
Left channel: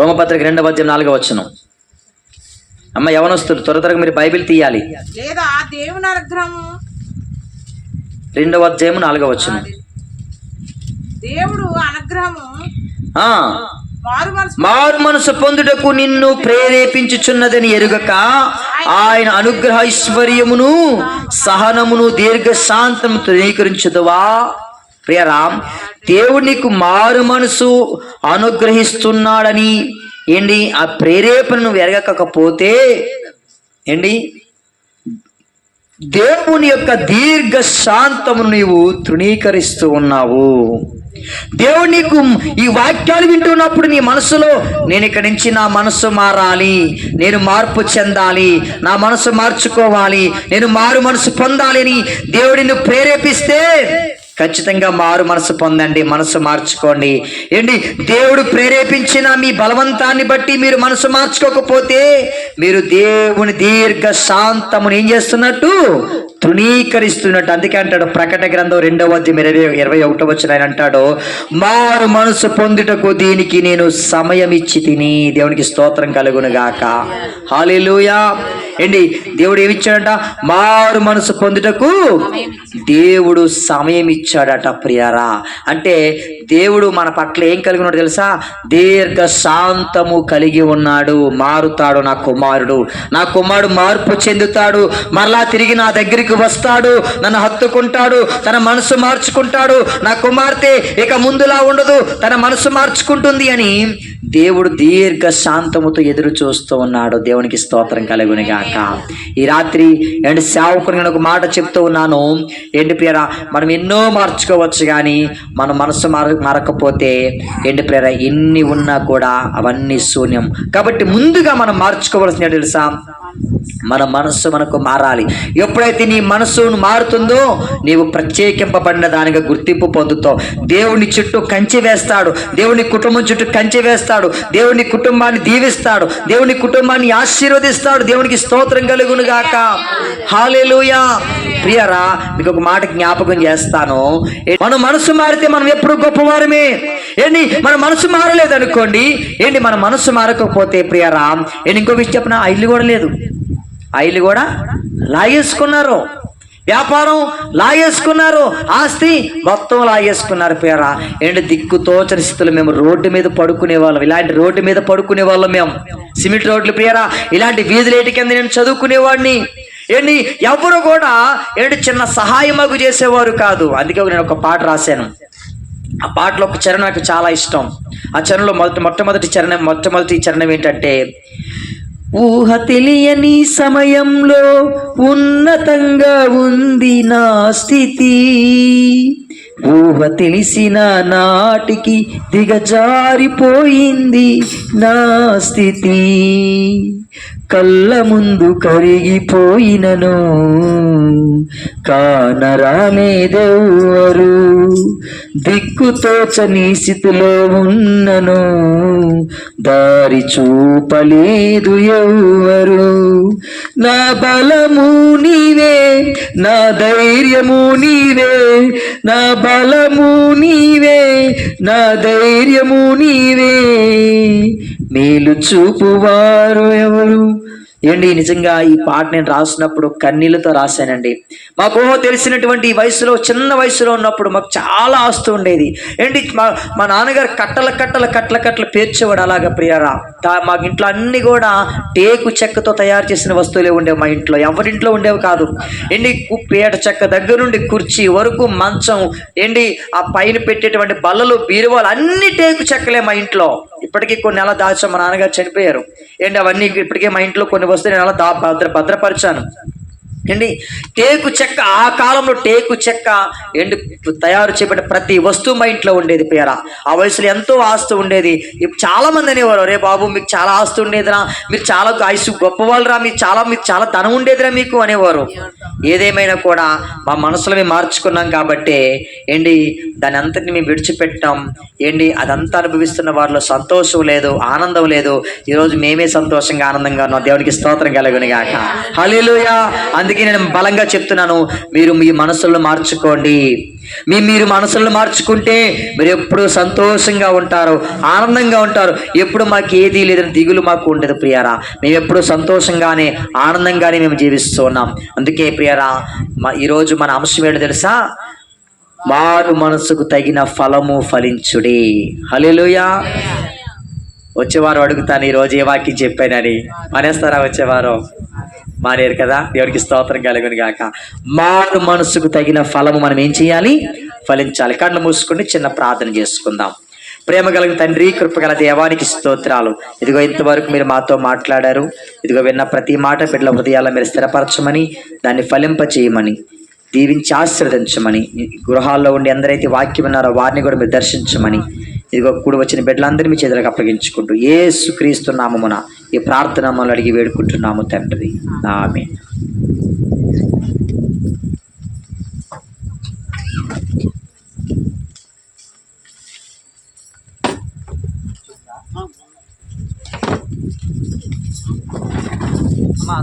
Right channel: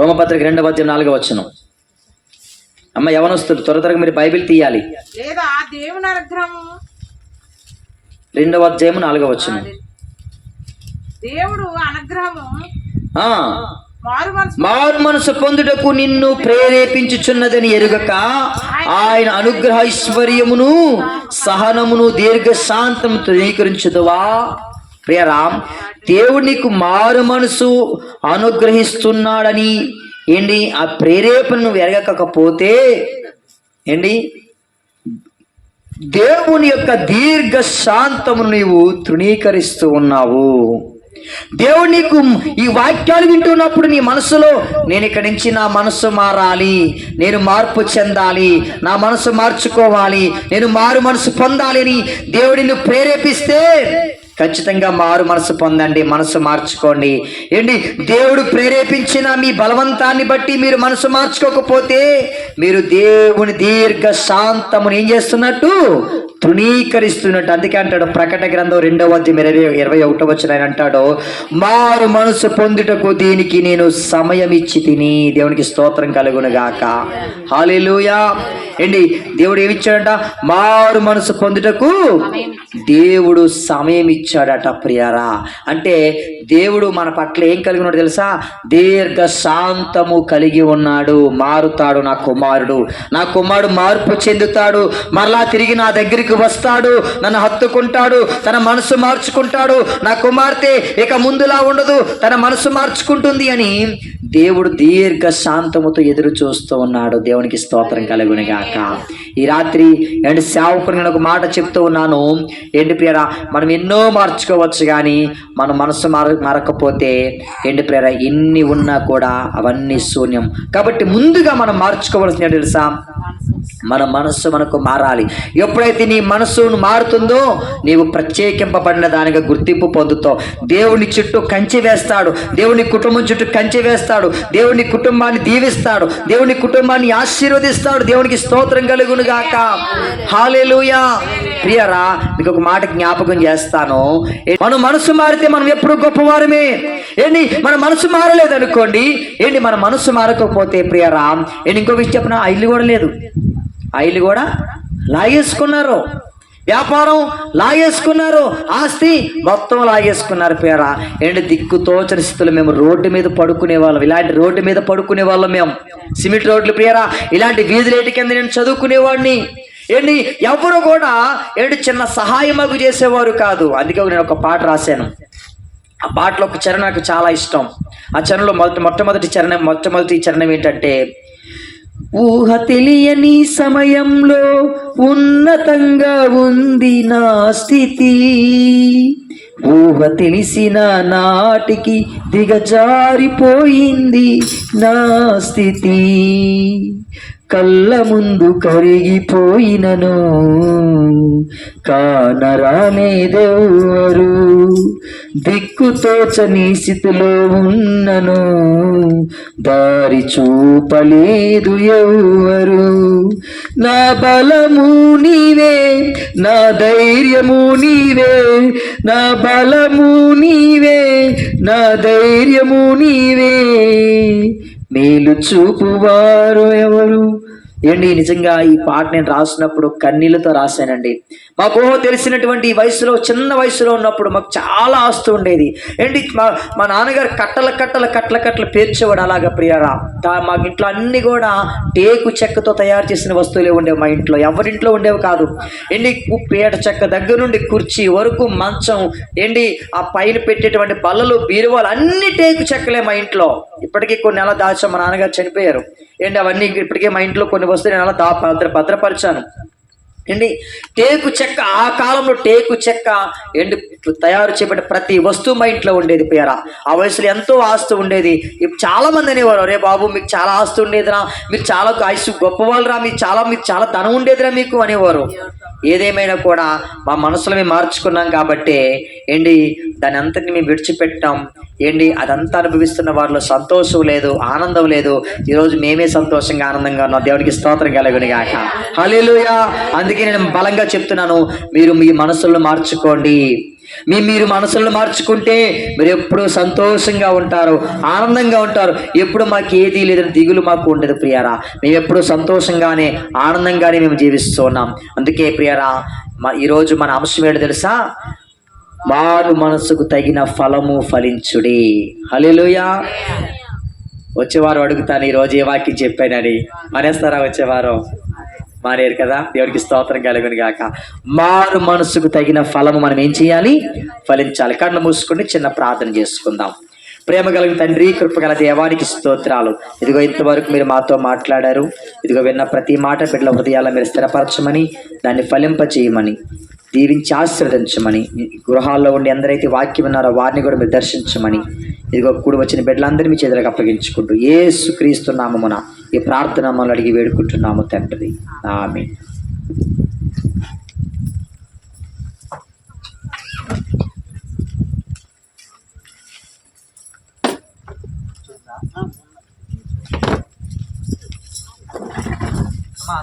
రోమపత్రిక 2వ అధ్యాయం 4వ వచనం. అమ్మ యవనస్తులు త్వరగా మీరు బైబిల్ తీయాలి. 2వ అధ్యాయం 4వ వచనం. మారు మనసు పొందుటకు నిన్ను ప్రేరేపించుచున్నదని ఎరుగక ఆయన అనుగ్రహ ఐశ్వర్యమును సహనమును దీర్ఘశాంతము తృణీకరించుదువా? ప్రియరామ్, దేవుడు నీకు మారు మనసు అనుగ్రహిస్తున్నాడని ఆ ప్రేరేపణను ఎరగకపోతే దేవుని యొక్క దీర్ఘ శాంతము నీవు తృణీకరిస్తూ ఉన్నావు. దేవుడు నీకు ఈ వాక్యాలు వింటున్నప్పుడు నీ మనసులో నేను ఇక్కడి నుంచి నా మనసు మారాలి, నేను మార్పు చెందాలి, నా మనసు మార్చుకోవాలి, నేను మారు మనసు పొందాలి అని దేవుడిని ప్రేరేపిస్తే ఖచ్చితంగా మారు మనసు పొందండి, మనసు మార్చుకోండి. ఏంటి, దేవుడు ప్రేరేపించిన మీ బలవంతాన్ని బట్టి మీరు మనసు మార్చుకోకపోతే మీరు దేవుని దీర్ఘ శాంతమును ఏం చేస్తున్నట్టు? తృణీకరిస్తున్నట్టు. అందుకే అంటాడు ప్రకటన గ్రంథం 2:21 ఆయన అంటాడు, మారు మనసు పొందుటకు దీనికి నేను సమయం ఇచ్చి తిని. దేవునికి స్తోత్రం కలుగును గాక. హల్లెలూయా. ఏంటి, దేవుడు ఏమిచ్చాడంట? మారు మనసు పొందుటకు దేవుడు సమయం ఇచ్చాడట ప్రియారా. అంటే దేవుడు మన పట్ల ఏం కలిగి ఉన్నాడు తెలుసా? దీర్ఘ శాంతము కలిగి ఉన్నాడు. మారుతాడు నా కుమారుడు, నా కుమారుడు మార్పు చెందుతాడు, మరలా తిరిగి నా దగ్గరికి వస్తాడు, నన్ను హత్తుకుంటాడు, తన మనసు మార్చుకుంటాడు. నా కుమార్తె ఇక ముందులా ఉండదు, తన మనసు మార్చుకుంటుంది అని దేవుడు దీర్ఘ శాంతముతో ఎదురు చూస్తూ ఉన్నాడు. దేవునికి స్తోత్రం కలుగును గాక. ఈ రాత్రి ఏంటి సేవకుని నేను ఒక మాట చెప్తూ ఉన్నాను. ఏంటి ప్రియరా, మనం ఎన్నో మార్చుకోవచ్చు, కానీ మన మనసు మారకపోతే ఏంటి ప్రియరా, ఎన్ని ఉన్నా కూడా అవన్నీ శూన్యం. కాబట్టి ముందుగా మనం మార్చుకోవాల్సిన తెలుసా? మన మనస్సు మనకు మారాలి. ఎప్పుడైతే నీ మనస్సు మారుతుందో నీవు ప్రత్యేకింపబడిన దానిగా గుర్తింపు పొందుతావు. దేవుని చుట్టూ కంచె వేస్తాడు, దేవుని కుటుంబం చుట్టూ కంచె వేస్తాడు, దేవుని కుటుంబాన్ని దీవిస్తాడు, దేవుని కుటుంబాన్ని ఆశీర్వదిస్తాడు. దేవునికి స్తోత్రం కలుగును గాక. హల్లెలూయా. ప్రియరా, మీకు ఒక మాట జ్ఞాపకం చేస్తాను. మన మనసు మారితే మనం ఎప్పుడు గొప్పవారమే. ఏంటి, మన మనసు మారలేదనుకోండి, ఏంటి మన మనసు మారకపోతే ప్రియరా, ఏంటి ఇంకో విషయం చెప్పిన, ఆ ఇల్లు కూడా లేదు, ఆ ఇల్లు కూడా లాగేసుకున్నారు, వ్యాపారం లాగేసుకున్నారు, ఆస్తి మొత్తం లాగేసుకున్నారు. పేరా ఏంటి, దిక్కుతోచని స్థితులు మేము రోడ్డు మీద పడుకునే వాళ్ళం. ఇలాంటి రోడ్డు మీద పడుకునే వాళ్ళం మేము, సిమెంట్ రోడ్లు ప్రియరా. ఇలాంటి వీధులేటి కింద నేను చదువుకునేవాడిని. ఏంటి, ఎవరు కూడా ఏంటి చిన్న సహాయమగు చేసేవారు కాదు. అందుకే నేను ఒక పాట రాశాను. ఆ పాటలో ఒక చరణం నాకు చాలా ఇష్టం. ఆ చరణంలో మొట్టమొదటి చరణం ఏంటంటే, ఊహ తెలియని సమయంలో ఉన్నతంగా ఉంది నా స్థితి, ఊహ తెలిసిన నాటికి దిగజారిపోయింది నా స్థితి, కళ్ళ ముందు కరిగిపోయినను కానరానేదెవ్వరు, దిక్కుతోచని స్థితిలో ఉన్నను దారి చూపలేదు ఎవ్వరు, నా బలము నీవే, నా ధైర్యము నీవే, నా బలము నీవే, నా ధైర్యము నీవే, మేలు చూపువారు ఎవరు. ఏంటి, నిజంగా ఈ పాట నేను రాసినప్పుడు కన్నీళ్ళతో రాశానండి. మాకు తెలిసినటువంటి ఈ వయసులో, చిన్న వయసులో ఉన్నప్పుడు మాకు చాలా ఆస్తు ఉండేది. ఏంటి, మా నాన్నగారు కట్టలు పేర్చేవాడు. అలాగా ప్రియరా, మాకు ఇంట్లో అన్ని కూడా టేకు చెక్కతో తయారు చేసిన వస్తువులే ఉండేవి. మా ఇంట్లో ఎవరింట్లో ఉండేవి కాదు. ఏంటి, పేట చెక్క దగ్గర నుండి కుర్చీ వరకు, మంచం, ఏంటి ఆ పైన పెట్టేటువంటి బల్లలు, బీరువాలు అన్ని టేకు చెక్కలే మా ఇంట్లో. ఇప్పటికీ కొన్ని నెలలు దాచాం, మా నాన్నగారు చనిపోయారు. ఏంటి, అవన్నీ ఇప్పటికే మా ఇంట్లో కొన్ని వస్తువులు నేను అలా భద్రపరిచాను. ఏంటి, టేకు చెక్క, ఆ కాలంలో టేకు చెక్క ఏంటి తయారు చేయబడిన ప్రతి వస్తువు మా ఇంట్లో ఉండేది. పేర ఆ వయసులో ఎంతో ఆస్తి ఉండేది. ఇప్పుడు చాలా మంది అనేవారు, రే బాబు మీకు చాలా ఆస్తి ఉండేదిరా, మీరు చాలా ఆయుష్ గొప్పవాళ్ళరా, మీకు చాలా ధనం ఉండేదిరా మీకు అనేవారు. ఏదేమైనా కూడా మా మనసులో మేము మార్చుకున్నాం కాబట్టి ఏంటి దాని అంతటిని మేము విడిచిపెట్టాం. ఏంటి, అదంతా అనుభవిస్తున్న వారిలో సంతోషం లేదు, ఆనందం లేదు. ఈరోజు మేమే సంతోషంగా ఆనందంగా ఉన్నాం. దేవునికి స్తోత్రం కలుగును గాక. హల్లెలూయా. అందుకే నేను బలంగా చెప్తున్నాను, మీరు మీ మనసులను మార్చుకోండి. మీరు మనసులను మార్చుకుంటే మీరు ఎప్పుడు సంతోషంగా ఉంటారు, ఆనందంగా ఉంటారు. ఎప్పుడు మాకు ఏది లేదని దిగులు మాకు ఉండదు ప్రియారా. మేము ఎప్పుడు సంతోషంగానే ఆనందంగానే మేము జీవిస్తున్నాం. అందుకే ప్రియారా, ఈరోజు మన అంశం ఏంటో తెలుసా? మారు మనసుకు తగిన ఫలము ఫలించుడి. హల్లెలూయా. వచ్చేవారు అడుగుతాను, ఈరోజు ఏ వాక్యం చెప్పానని. మానేస్తారా? వచ్చేవారు మానేరు కదా. దేవుడికి స్తోత్రం కలుగును గాక. మారు మనసుకు తగిన ఫలము మనం ఏం చేయాలి? ఫలించాలి. కళ్ళు మూసుకొని చిన్న ప్రార్థన చేసుకుందాం. ప్రేమ కలిగిన తండ్రి, కృపగల దేవానికి స్తోత్రాలు. ఇదిగో ఇంతవరకు మీరు మాతో మాట్లాడారు. ఇదిగో విన్న ప్రతి మాట బిడ్డల హృదయాల్లో మీరు స్థిరపరచమని, దాన్ని ఫలింపచేయమని, దీవించి ఆశీర్వదించమని, గృహాల్లో ఉండి ఎందరైతే వాక్యం విన్నారో వారిని కూడా మీరు దర్శించమని, ఇదిగో కూడి వచ్చిన బిడ్డలందరినీ మీ చేతులకు అప్పగించుకుంటూ యేసుక్రీస్తు నామమున ఈ ప్రార్థన మమ్మల్ని అడిగి వేడుకుంటున్నాము తండ్రి. ఆమేన్. అమ్మా